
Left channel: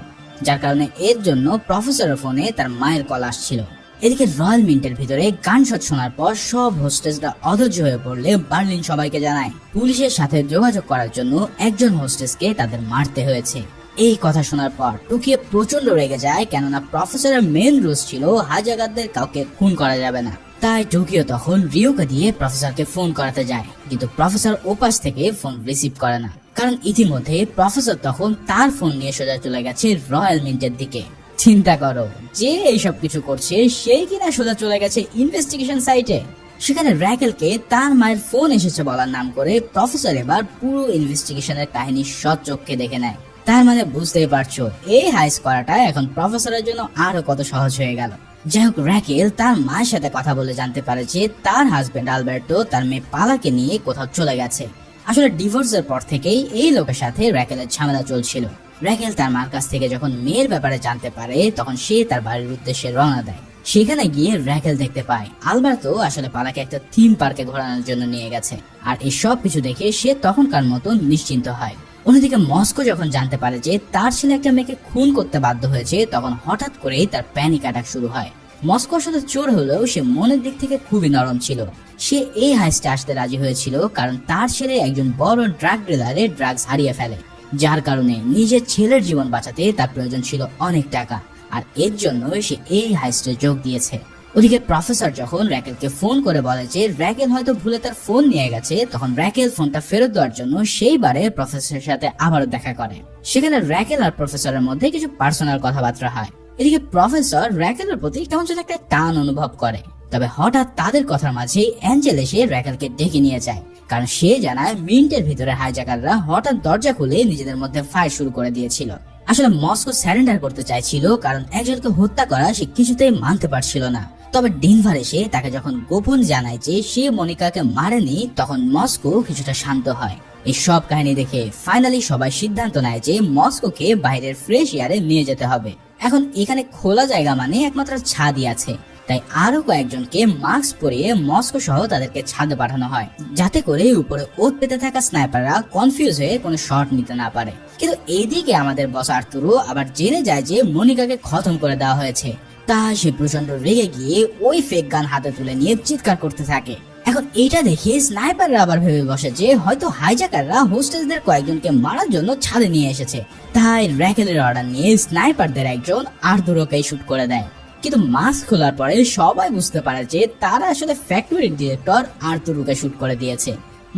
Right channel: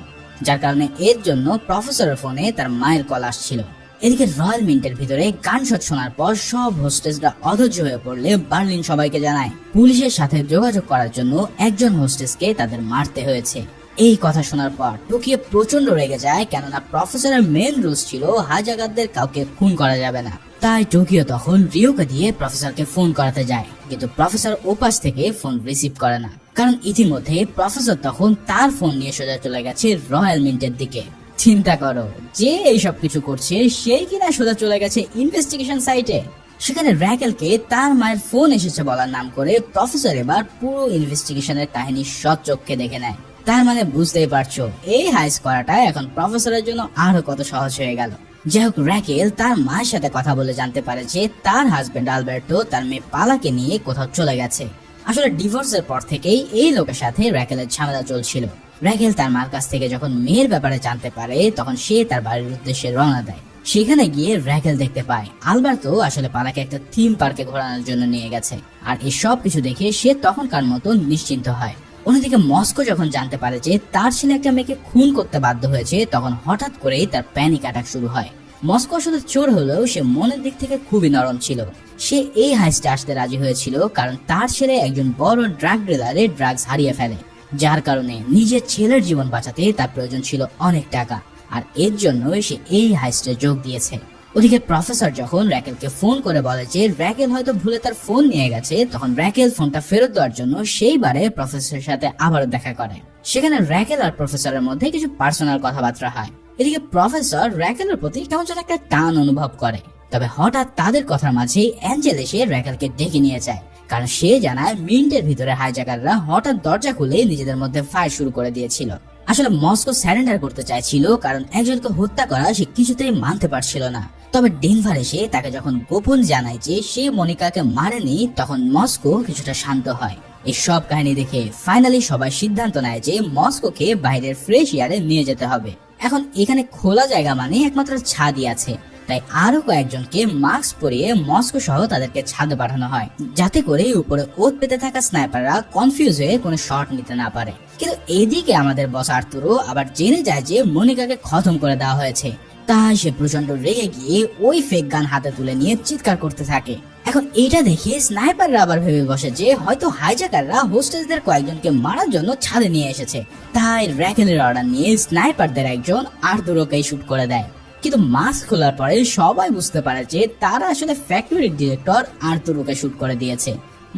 যার কারণে এর জন্য প্রফেসরের ফোনে তার মায়ের কল আসছিল। এদিকে রয়্যাল মিন্টের ভিতরে গানশট শোনার পর সব হোস্টেসরা অধৈর্য হয়ে পড়লে বার্লিন সবাইকে জানায় পুলিশের সাথে যোগাযোগ করার জন্য একজন হোস্টেসকে তাদের মারতে হয়েছে। এই কথা শোনার পর টোকিও প্রচন্ড রেগে যায়, কেননা প্রফেসরের মেন রুলস ছিল হাইজ্যাকারদের কাউকে খুন করা যাবে না। তাই টোকিও তখন রিওকে দিয়ে প্রফেসরকে ফোন করাতে যায়, কিন্তু প্রফেসর ওপাশ থেকে ফোন রিসিভ করে না, কারণ ইতিমধ্যে প্রফেসর তখন তার ফোন নিয়ে সোজা চলে গেছে রয়্যাল মিন্টের দিকে। চিন্তা করো, যে এইসব কিছু করছে সেই কিনা সোজা চলে গেছে ইনভেস্টিগেশন সাইটে। সেখানে র্যাকেলকে তার মায়ের ফোন এসেছে বলার নাম করে প্রফেসর এবার পুরো ইনভেস্টিগেশনের কাহিনী সচক্ষে দেখে নেয়। তার মানে বুঝতেই পারছো এই হাইস করাটা এখন প্রফেসরের জন্য আরো কত সহজ হয়ে গেল। যাই হোক, র্যাকেল তার মায়ের সাথে কথা বলে জানতে পারে যে তার হাজবেন্ড আলবার্টো তার মেয়ে পালাকে নিয়ে কোথাও চলে গেছে। আসলে ডিভোর্সের পর থেকেই এই লোকের সাথে র্যাকেলের ঝামেলা চলছিল। র্যাকেল তার মার কাছ থেকে যখন মেয়ের ব্যাপারে জানতে পারে তখন সে তার বাড়ির উদ্দেশ্যে রওনা দেয়। সেখানে গিয়ে র্যাকেল দেখতে পায় আলবার্তো আসলে পালাকে একটা থিম পার্কে ঘোরানোর জন্য নিয়ে গেছে, আর এই সব কিছু দেখে সে তখনকার মতো নিশ্চিন্ত হয়। অন্যদিকে মস্কো যখন জানতে পারে যে তার ছেলে একটা মেয়েকে খুন করতে বাধ্য হয়েছে, তখন হঠাৎ করেই তার প্যানিক অ্যাটাক শুরু হয়। মস্কো শুধু চোর হলেও সে মনের দিক থেকে খুবই নরম ছিল। সে এই হাইস্টে আসতে রাজি হয়েছিল কারণ তার ছেলে একজন বড় ড্রাগ ডিলারে ড্রাগস হারিয়ে ফেলে, যার কারণে নিজের ছেলের জীবন বাঁচাতে তার প্রয়োজন ছিল অনেক টাকা, আর এর জন্য সে এই হাইস্টে যোগ দিয়েছে। ওদিকে প্রফেসর যখন র্যাকেলকে ফোন করে বলে যে র্যাকেল হয়তো ভুলে তার ফোন নিয়ে গেছে, তখন র্যাকেল ফোনটা ফেরত দেওয়ার জন্য সেইবারে প্রফেসরের সাথে আবার দেখা করে। সেখানে র্যাকেল আর প্রফেসরের মধ্যে কিছু পার্সোনাল কথাবার্তা হয়। এদিকে প্রফেসর র্যাকেলের প্রতি কেমন যেন একটা টান অনুভব করে, তবে হঠাৎ তাদের কথার মাঝেই অ্যাঞ্জেল এসে র্যাকেলকে ডেকে নিয়ে যায়, কারণ সে জানায় মিন্টের ভিতরে হাইজ্যাকাররা হঠাৎ দরজা খুলে নিজেদের মধ্যে ফাইট শুরু করে দিয়েছিল। আসলে মস্কো স্যারেন্ডার করতে চাইছিল, কারণ একজনকে হত্যা করা সে কিছুতেই মানতে পারছিল না। তবে ডেনভার এসে তাকে যখন গোপন জানায় যে সে মনিকাকে মারেনি, তখন মস্কো কিছুটা শান্ত হয়। এই সব কাহিনী দেখে ফাইনালি সবাই সিদ্ধান্ত নেয় যে মস্কোকে বাইরের ফ্রেশ এয়ারে নিয়ে যেতে হবে। এখন এখানে খোলা জায়গা মানে একমাত্র ছাদই আছে, তাই আরো কয়েকজনকে মাস্ক পরিয়ে মস্কো সহ তাদেরকে ছাদে পাঠানো হয়, যাতে করে উপরে ওত পেতে থাকা স্নাইপাররা কনফিউজ হয়ে কোনো শট নিতে না পারে। কিন্তু এদিকে আমাদের বস আর্তুরো আবার জেনে যায় যে মনিকাকে খতম করে দেওয়া হয়েছে, তাই সে প্রচন্ড রেগে গিয়ে ওই ফেক গান হাতে তুলে নিয়ে চিৎকার করতে থাকে। এখন এটা দেখে স্নাইপাররা আবার ভেবে বসে যে হয়তো হাইজ্যাকাররা হোস্টেসদের কয়েকজনকে মারার জন্য ছাদে নিয়ে এসেছে, তাই র্যাকেলের অর্ডার নিয়ে স্নাইপারদের একজন আর্তুরোকেই শুট করে দেয়। কিন্তু মাস্ক খোলার পরে সবাই বুঝতে পারে যে তারা আসলে ফ্যাক্টরির ডিরেক্টর আর্তুরোকে শুট করে দিয়েছে।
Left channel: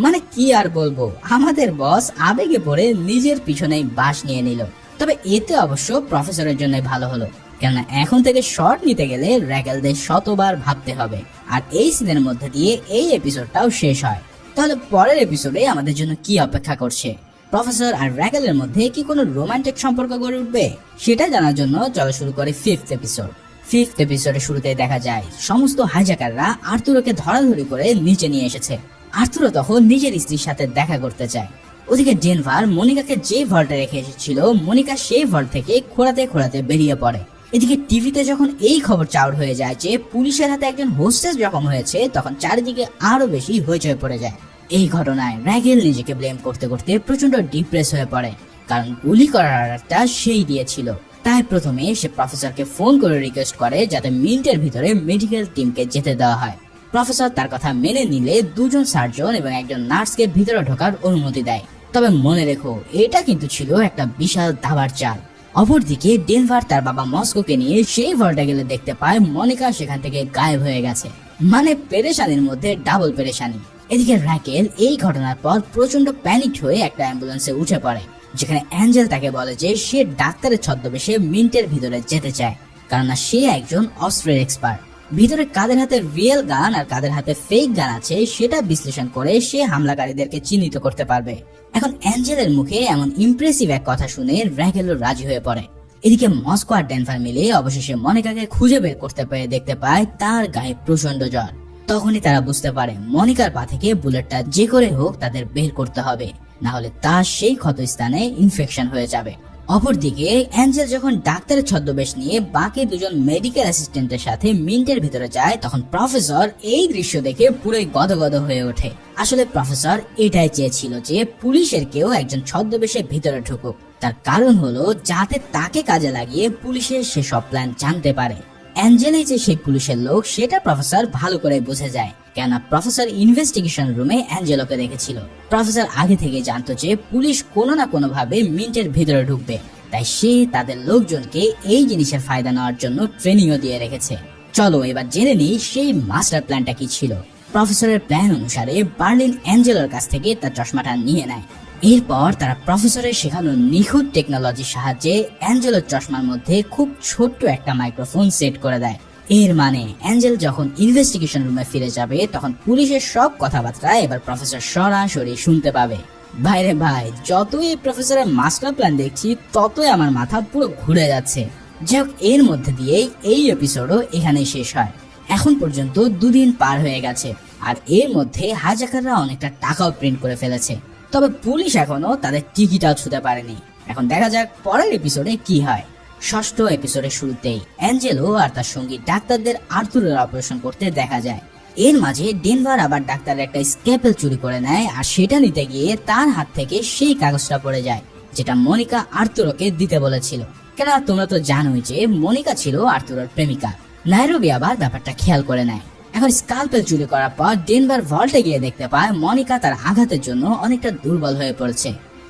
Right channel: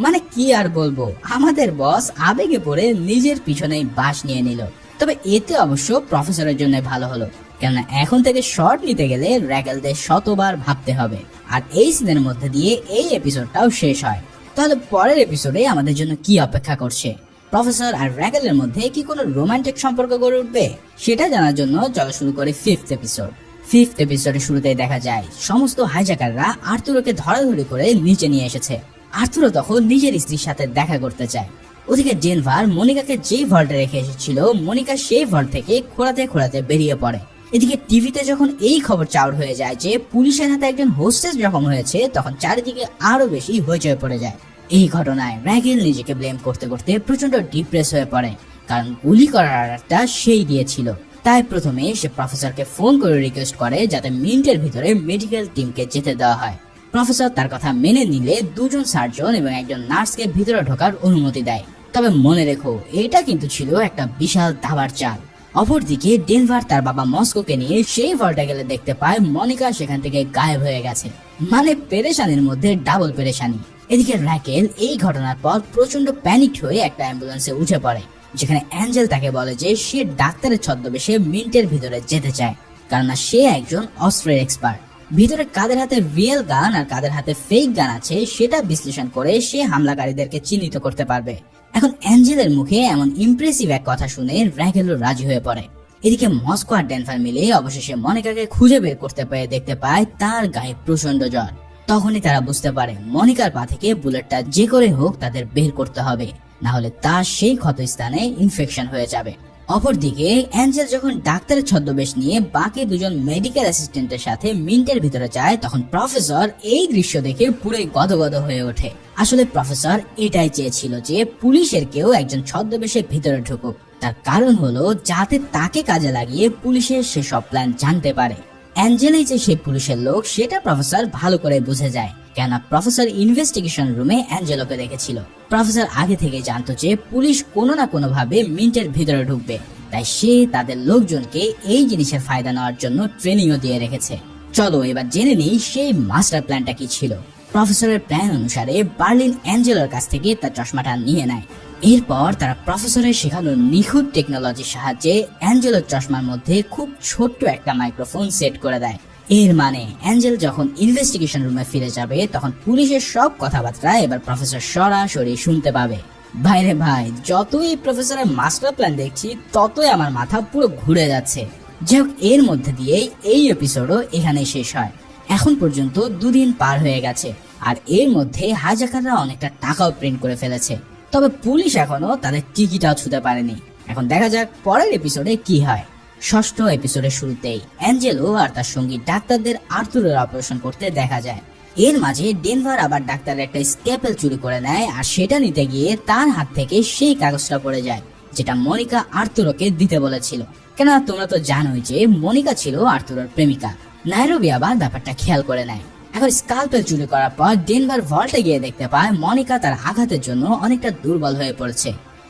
মানে কি আর বলবো, আমাদের বস আবেগে পড়ে নিজের পিছনেই বাস নিয়ে নিল। তবে এতে অবশ্য প্রফেসরের জন্য ভালো হলো, কেননা এখন থেকে শর্ট নিতে গেলে র্যাকেলদের শতবার ভাবতে হবে। আর এই সিনের মধ্যে দিয়ে এই এপিসোডটাও শেষ হয়। তাহলে পরের এপিসোডে আমাদের জন্য কি অপেক্ষা করছে? প্রফেসর আর র্যাকেলের মধ্যে কি কোনো রোমান্টিক সম্পর্ক গড়ে উঠবে? সেটা জানার জন্য চলো শুরু করি ফিফথ এপিসোড। ফিফথ এপিসোডে শুরুতেই দেখা যায় সমস্ত হাইজ্যাকাররা আর্তুরোকে ধরাধরি করে নিচে নিয়ে এসেছে। আর্তুরো তখন নিজের স্ত্রীর সাথে দেখা করতে চায়। ওদিকে ডেনভার মনিকাকে যে ভল্টে রেখে এসেছিল, মনিকা সেই ভল্ট থেকে খোঁড়াতে খোঁড়াতে বেরিয়ে পড়ে। এদিকে টিভিতে যখন এই খবর চাউর হয়ে যায় যে পুলিশের হাতে একজন হোস্টেস জখম হয়েছে, তখন চারিদিকে আরো বেশি হইচই পড়ে যায়। এই ঘটনায় র্যাকেল নিজেকে ব্লেম করতে করতে প্রচন্ড ডিপ্রেস হয়ে পড়ে, কারণ গুলি করার অর্ডারটা সেই দিয়েছিল। তাই প্রথমে সে প্রফেসরকে ফোন করে রিকোয়েস্ট করে যাতে মিন্টের ভিতরে মেডিকেল টিমকে যেতে দেওয়া হয়। প্রফেসর তার কথা মেনে নিলে দুজন সার্জন এবং একজন নার্সকে ভিতরে ঢোকার অনুমতি দেয়। তবে মনে রেখো, এটা কিন্তু ছিল একটা বিশাল দাবার চাল। অপরদিকে ডেনভার তার বাবা মস্কোকে নিয়ে সেই ভল্টে গেলে দেখতে পায় মনিকা সেখান থেকে গায়েব হয়ে গেছে। মানে পেরেশানির মধ্যে ডাবল পেরেশানি। এদিকে র্যাকেল এই ঘটনার পর প্রচন্ড প্যানিক হয়ে একটা অ্যাম্বুলেন্সে উঠে পড়ে, যেখানে অ্যাঞ্জেল তাকে বলে যে সে ডাক্তারের ছদ্মবেশে মিন্টের ভিতরে যেতে চায়, কারণ সে একজন অস্ত্রের এক্সপার্ট। ভিতরে কাদের হাতে রিয়েল গান আর কাদের হাতে ফেক গান আছে সেটা বিশ্লেষণ করে সে হামলাকারীদেরকে চিহ্নিত করতে পারবে। এখন অ্যাঞ্জেলের মুখে এমন ইমপ্রেসিভ এক কথা শুনে র্যাকেলও রাজি হয়ে পড়ে। এদিকে মস্কো আর ডেনভার মিলে অবশেষে মনিকাকে খুঁজে বের করতে পেরে দেখতে পায় তার গায়ে প্রচন্ড জ্বর। তখনই তারা বুঝতে পারে মনিকার পা থেকে বুলেটটা যে করে হোক তাদের বের করতে হবে, না হলে তার সেই ক্ষত স্থানে ইনফেকশন হয়ে যাবে। অপরদিকে অ্যাঞ্জেল যখন ডাক্তারের ছদ্মবেশ নিয়ে বাকি দুজন মেডিকেল অ্যাসিস্ট্যান্টের সাথে মিন্টের ভিতরে যায়, তখন প্রফেসর এই দৃশ্য দেখে পুরোই গদগদ হয়ে ওঠে। আসলে প্রফেসর এটাই চেয়েছিল যে পুলিশের কেউ একজন ছদ্মবেশে ভিতরে ঢুকুক। তার কারণ হলো যাতে তাকে কাজে লাগিয়ে পুলিশের সে সব প্ল্যান জানতে পারে। অ্যাঞ্জেলি যে সেই পুলিশের লোক সেটা প্রফেসর ভালো করে বোঝা যায়, কেননা প্রফেসর ইনভেস্টিগেশন রুমে অ্যাঞ্জেলোকে দেখেছিল। প্রফেসর আগে থেকে জানতো যে পুলিশ কোনো না কোনো ভাবে মিন্টের ভিতরে ঢুকবে, তাই সে তাদের লোকজনকে এই জিনিসের ফায়দা নেওয়ার জন্য ট্রেনিংও দিয়ে রেখেছে। চলো এবার জেনে নিই সেই মাস্টার প্ল্যানটা কি ছিল। প্রফেসরের প্ল্যান অনুসারে বার্লিন অ্যাঞ্জেলোর কাছ থেকে তার চশমাটা নিয়ে নেয়। এরপর তারা প্রফেসরের শেখানো নিখুঁত টেকনোলজির সাহায্যে অ্যাঞ্জেলোর চশমার মধ্যে খুব ছোট্ট একটা মাইক্রোফোন সেট করে দেয়। এর মানে অ্যাঞ্জেল যখন ইনভেস্টিগেশন রুমে ফিরে যাবে তখন পুলিশের সব কথাবার্তা এবার প্রফেসর সরাসরি শুনতে পাবে। ভাইরে ভাই, যতই এই প্রফেসরের মাস্টার প্ল্যান দেখছি ততই আমার মাথা পুরো ঘুরে যাচ্ছে। যাই হোক, এর মধ্যে দিয়েই এই এপিসোডও এখানেই শেষ হয়। এখন পর্যন্ত 2 দিন পার হয়ে গেছে, আর এর মধ্যে হাইজ্যাকাররা অনেকটা টাকাও প্রিন্ট করে ফেলেছে। তবে পুলিশ এখনো তাদের টিকিটাও ছুঁতে পারেনি। এখন দেখা যাক পরের এপিসোডে কি হয়। 6ষ্ঠ এপিসোডের শুরুতেই অ্যাঞ্জেলো আর তার সঙ্গী ডাক্তারদের আর্থুরের অপারেশন করতে দেখা যায়। এর মাঝে ডেনভার আবার ডাক্তারের একটা স্ক্যাপেল চুরি করে নেয়, আর সেটা নিতে গিয়ে তার হাত থেকে সেই কাগজটা পড়ে যায় যেটা মনিকা আর্তুরোকে দিতে বলেছিল। কেন তোমরা তো জানোই যে মনিকা ছিল আর্তুরোর প্রেমিকা। নাইরোবি আবার ব্যাপারটা খেয়াল করে নেয়। এখন স্ক্যালপেল চুরি করার পর ডেনভার ভল্টে গিয়ে দেখতে পায় মনিকা তার আঘাতের জন্য অনেকটা দুর্বল হয়ে পড়েছে।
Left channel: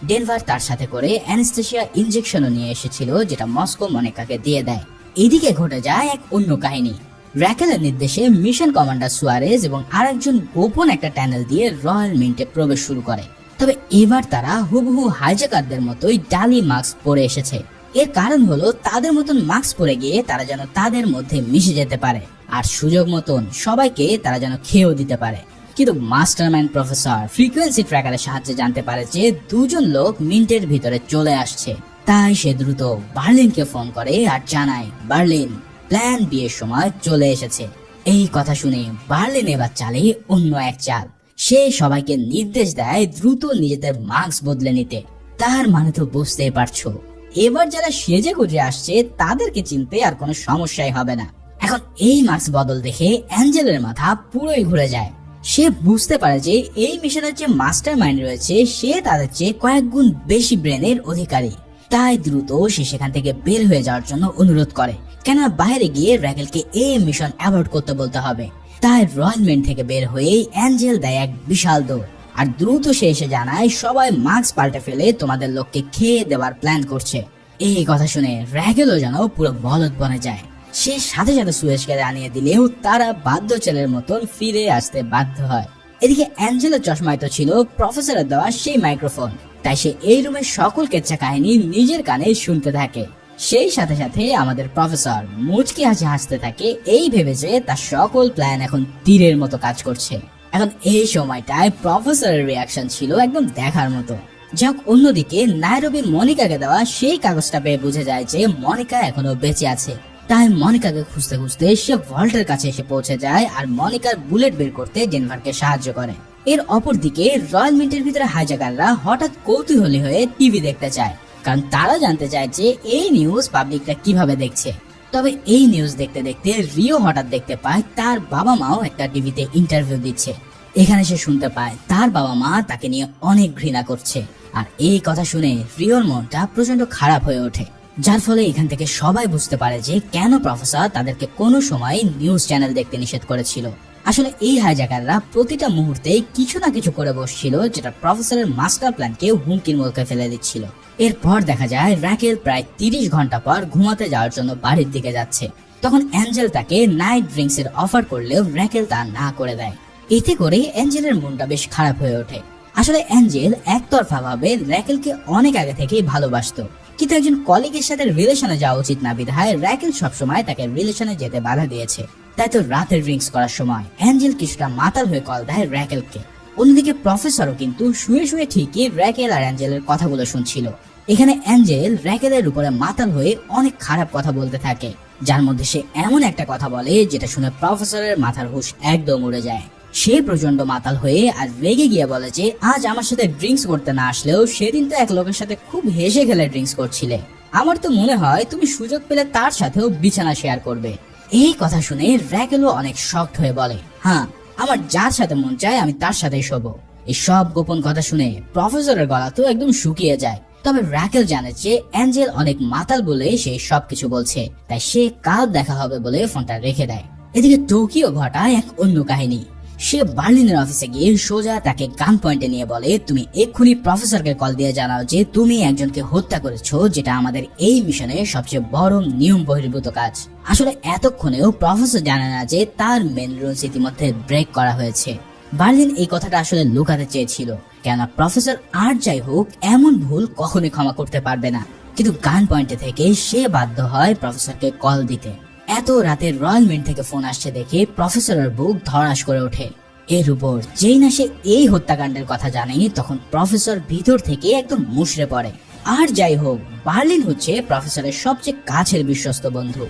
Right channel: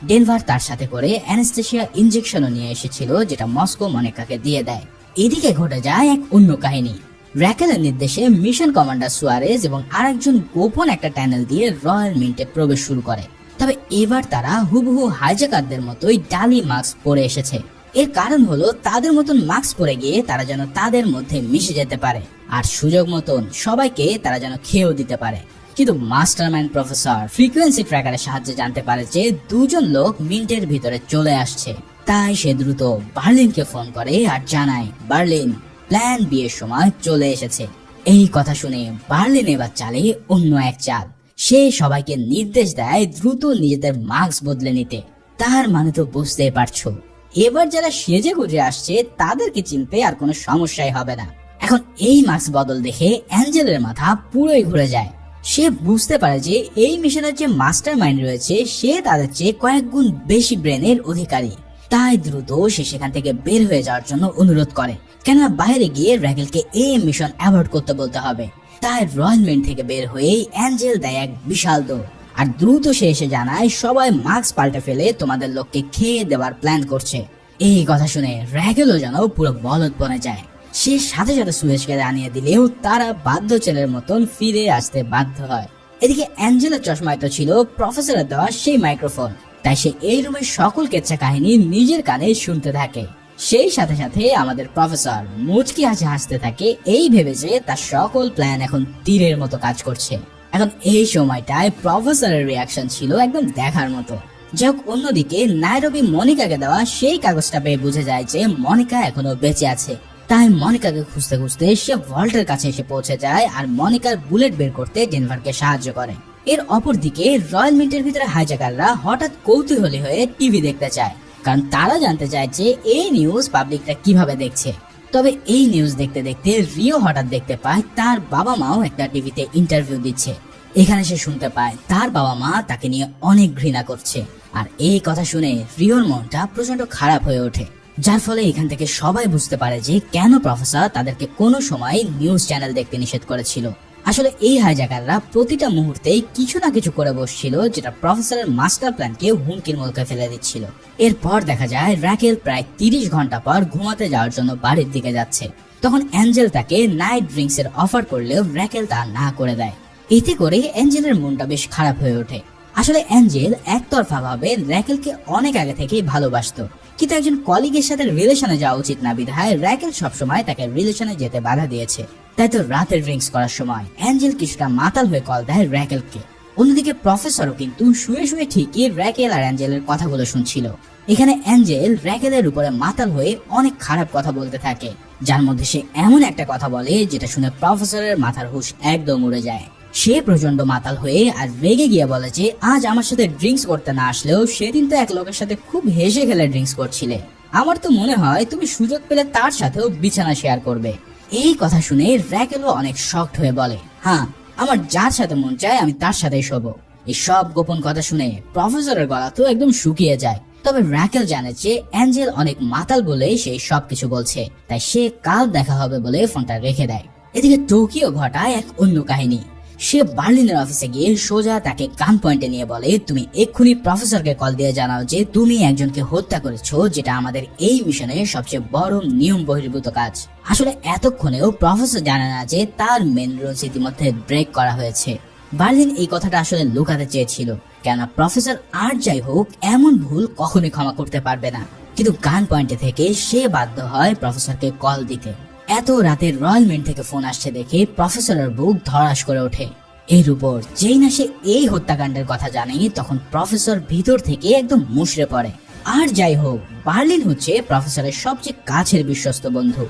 ডেনভার তার সাথে করে অ্যানেস্থেসিয়া ইনজেকশনও নিয়ে এসেছিল, যেটা মস্কো মনিকাকে দিয়ে দেয়। এদিকে ঘটে যায় এক অন্য কাহিনী। র্যাকেলের নির্দেশে মিশন কমান্ডার সুয়ারেজ এবং আরেকজন গোপন একটা টানেল দিয়ে রয়্যাল মিন্টে প্রবেশ শুরু করে। তবে এবার তারা হুবহু হাইজ্যাকারদের মতোই ডালি মাস্ক পরে এসেছে। এর কারণ হলো তাদের মতন মাস্ক পরে গিয়ে তারা যেন তাদের মধ্যে মিশে যেতে পারে, আর সুযোগ মতন সবাইকে তারা যেন খেয়েও দিতে পারে। কিন্তু মাস্টারমাইন্ড প্রফেসর ফ্রিকোয়েন্সি ট্র্যাকারের সাহায্যে জানতে পারে যে 2 জন লোক মিন্টের ভিতরে চলে আসছে। তাই সে দ্রুত বার্লিনকে ফোন করে আর জানায় বার্লিন প্ল্যান বি এর সময় চলে এসেছে। এই কথা শুনে বার্লিন এবার চালে অন্য এক চাল। সে সবাইকে নির্দেশ দেয় দ্রুত নিজেদের মাস্ক বদলে নিতে। তার মানে তো বুঝতেই পারছো, এবার যারা সেজে গুজে আসছে তাদেরকে চিনতে আর কোনো সমস্যাই হবে না। এখন এই মাস্ক বদল দেখে অ্যাঞ্জেলের মাথা পুরোই ঘুরে যায়। সে বুঝতে পারে যে এই মিশনের যে মাস্টার মাইন্ড রয়েছে সে তাদের চেয়ে কয়েক গুণ বেশি ব্রেনের অধিকারী। তাই দ্রুত সে সেখান থেকে বের হয়ে যাওয়ার জন্য অনুরোধ করে, কেন বাইরে গিয়ে র্যাকেলকে এই মিশন অ্যাভয়েড করতে বলতে হবে। তাই রয়্যাল মিন্ট থেকে বের হয়েই অ্যাঞ্জেল দেয় এক বিশাল দৌড়, আর দ্রুত সে এসে জানায় সবাই মাস্ক পাল্টে ফেলে তোমাদের লোককে খেয়ে দেওয়ার প্ল্যান করছে। এই কথা শুনে র্যাকেলও যেন পুরো বলদ বনে যায়। সে সাথে সাথে সুয়েজকে জানিয়ে দিলেও তারা বাধ্য ছেলের মতন ফিরে আসতে বাধ্য হয়। এদিকে অ্যাঞ্জেলের চশমায় তো ছিল প্রফেসরের দেওয়া সেই মাইক্রোফোন, তাই সে এই রুমের সকল কেচ্চা কাহিনী নিজের কানে শুনতে থাকে। সেই সাথে সাথে আমাদের প্রফেসর মুচকি হাসতে থাকে, এই ভেবে যে তার সকল প্ল্যান এখন তীরের মতো কাজ করছে। এখন এই সময়টায় প্রফেসরের রিয়াকশন ছিল একদম দেখার মতো। যাক, অন্যদিকে নাইরোবি মনিকাকে দেওয়া সেই কাগজটা পেয়ে বুঝে যায় যে মনিকা এখনো বেঁচে আছে। তাই মনিকাকে খুঁজতে খুঁজতে সে ভল্টের কাছে এসে পৌঁছে যায় আর মনিকার বুলেট বের করতে ডেনভারকে সাহায্য করে। এর অপরদিকে রয়্যাল মিন্টের ভিতরে হাইজ্যাকাররা হঠাৎ কৌতূহলী হয়ে টিভি দেখতে চায়, কারণ তারা জানতে চায় যে এই নিউজ পাবলিকটা কিভাবে দেখছে। তবে এই নিউজ দেখতে দেখতে রিও হঠাৎ দেখতে পায় তার বাবা মাও একটা টিভিতে ইন্টারভিউ দিচ্ছে। এখানে সে শুনতে পায় তার বাবা মা তাকে নিয়ে অনেক ঘৃণা করছে, আর এই কথা শুনে রিওর মনটা প্রচন্ড খারাপ হয়ে ওঠে। যার ফলে এখান থেকে সবাই বুঝতে পারে যে কেন প্রফেসর তাদেরকে কোনো সময় নিউজ চ্যানেল দেখতে নিষেধ করেছিল। আসলে এই হাইজ্যাকাররা প্রতিটা মুহূর্তে কিছু না কিছু করে বসছিল, যেটা প্রফেসরের মাস্টার প্ল্যানকে হুমকির মুখে ফেলে দিচ্ছিল। এরপর দেখা যায় র্যাকেল প্রায় 30 ঘন্টা পর ঘুমাতে যাওয়ার জন্য বাড়ির দিকে যাচ্ছে। তখন অ্যাঞ্জেল তাকে নাইট ড্রিঙ্কস এর অফার করলেও র্যাকেল তা না করে দেয়। এতে করে অ্যাঞ্জেলের মনটা বেশ খারাপ হয়ে ওঠে। আসলে অ্যাঞ্জেল একতরফা ভাবে র্যাকেলকে অনেক আগে থেকেই ভালোবাসতো, কিন্তু একজন কলিগের সাথে রিলেশনে যাওয়া উচিত না বিধায় র্যাকেল সবসময় তাকে রিলেশনে যেতে বাধা দিয়েছে। তাই তো রাতের ড্রিঙ্কস করার সময় অ্যাঞ্জেল কিছুটা মাতাল হয়ে কল দেয় র্যাকেলকে। অন্যদিকে প্রফেসরও কিন্তু শুয়ে শুয়ে ঠিকই র্যাকেল আর অ্যাঞ্জেলের কথাগুলো শুনছিল। এখানে অ্যাঞ্জেল র্যাকেলের উপরে মাতাল হয়ে অনেক খারাপ কথা বলতে থাকে, যার মধ্যে সে এমন একটা কথা বলে যেটা শুনে প্রফেসরের মাথার হুঁশ একদম উড়ে যায়। সে প্রচন্ড মাতাল হয়ে আর রেগে গিয়ে বলে যে আজ আমার সাথে ড্রিঙ্কস করতে না আসলেও সেদিন তো এক লোকের সাথে খুব হেসে খেলে ড্রিঙ্কস করছিলে। আমার তো মনে হয় তুমি সুযোগ পেলে তার সাথেও বিছানা শেয়ার করবে। এই কথা শুনে র্যাকেলও অনেক শকড হয়ে বলে, হ্যাঁ, আমার যার সাথে মন চায় আমি তার সাথেই শোবো। এই সব গোপন কথা শুনে প্রফেসরের গলা তো একদম শুকিয়ে যায়। তবে র্যাকেল জানে যে অ্যাঞ্জেল অনেক মাতাল বলে সেই সবকিছু বলছে, তাই সে কাল দেখা হবে বলে ফোনটা রেখে দেয়। এদিকে টোকিও ঘটায় এক অন্য কাহিনী। সে বার্লিনের অফিসে গিয়ে সোজা তাকে গান পয়েন্টে নিয়ে বলে, তুমি এক্ষুনি প্রফেসরকে কল দিয়ে জানাও যে তুমি একজনকে হত্যা করেছো, যেটা আমাদের এই মিশনে সবচেয়ে বড় নিয়ম বহির্ভূত কাজ। আসলে এতক্ষণেও প্রফেসর জানে না যে তার মেন রুলস ইতিমধ্যে ব্রেক করা হয়েছে। বার্লিন এই কথাটা আসলে লুকাতে চেয়েছিল, কেননা প্রফেসর আর যাই হোক এমন ভুল কখনোই ক্ষমা করতে পারবে না। কিন্তু গান পয়েন্টে থেকে সে বাধ্য হয় প্রফেসরকে কল দিতে। এত রাতে রয়্যাল মিন্ট থেকে ফোন আসছে দেখে প্রফেসরের বুক ধড়াস করে ওঠে। এর উপর যেই না সে এই হত্যাকাণ্ডের কথা জানে, তখন প্রফেসর ভিতর থেকে একদম মুষড়ে পড়ে। আর যাই হোক, বার্লিন হচ্ছে প্রফেসরের সবচেয়ে কাছের বিশ্বস্ত বন্ধু।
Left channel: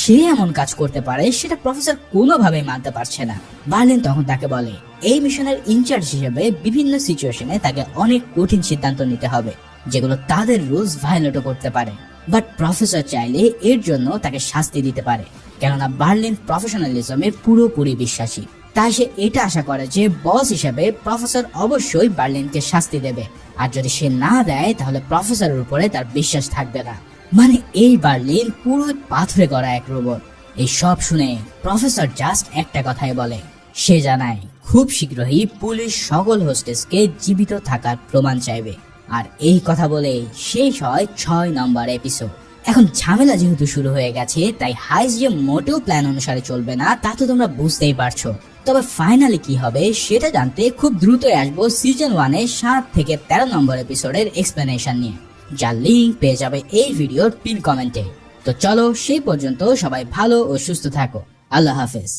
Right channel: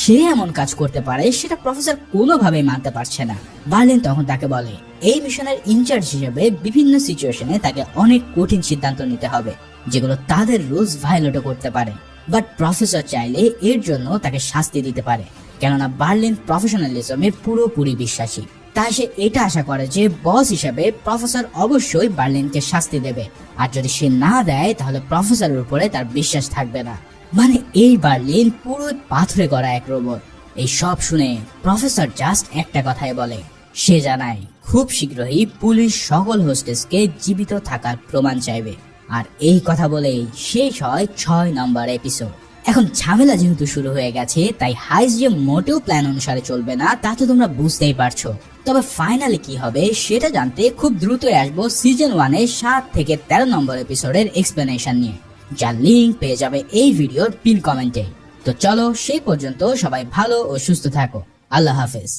সে এমন কাজ করতে পারে সেটা প্রফেসর কোনোভাবেই মানতে পারছে না। বার্লিন তখন তাকে বলে এই মিশনের ইনচার্জ হিসেবে বিভিন্ন সিচুয়েশনে তাকে অনেক কঠিন সিদ্ধান্ত নিতে হবে, যেগুলো তাদের রুলস ভায়োলেট করতে পারে। বাট প্রফেসর চাইলে এর জন্য তাকে শাস্তি দিতে পারে, কেননা বার্লিন প্রফেশনালিজমে পুরোপুরি বিশ্বাসী। তাই সে এটা আশা করে যে বস হিসেবে প্রফেসর অবশ্যই বার্লিনকে শাস্তি দেবে, আর যদি সে না দেয় তাহলে প্রফেসরের উপরে তার বিশ্বাস থাকবে না। মানে এই বার্লিন পুরো পাথরে করা এক রোবট। এই সব শুনে প্রফেসর জাস্ট একটা কথাই বলে, সে জানায় খুব শীঘ্রই পুলিশ সকল হোস্টেসকে জীবিত থাকার প্রমাণ চাইবে। আর এই কথা বলেই শেষ হয় 6 নম্বর এপিসোড। এখন ঝামেলা যেহেতু শুরু হয়ে গেছে, তাই হাইস যে মোটেও প্ল্যান অনুসারে চলবে না তা তো তোমরা বুঝতেই পারছো। তবে ফাইনালি কি হবে সেটা জানতে খুব দ্রুতই আসবো সিজন 1-এর 7 থেকে 13 নম্বর এপিসোডের এক্সপ্লেনেশন নিয়ে, যার লিঙ্ক পেয়ে যাবে এই ভিডিওর পিন কমেন্টে। তো চলো সেই পর্যন্ত সবাই ভালো ও সুস্থ থাকো। আল্লাহ হাফেজ।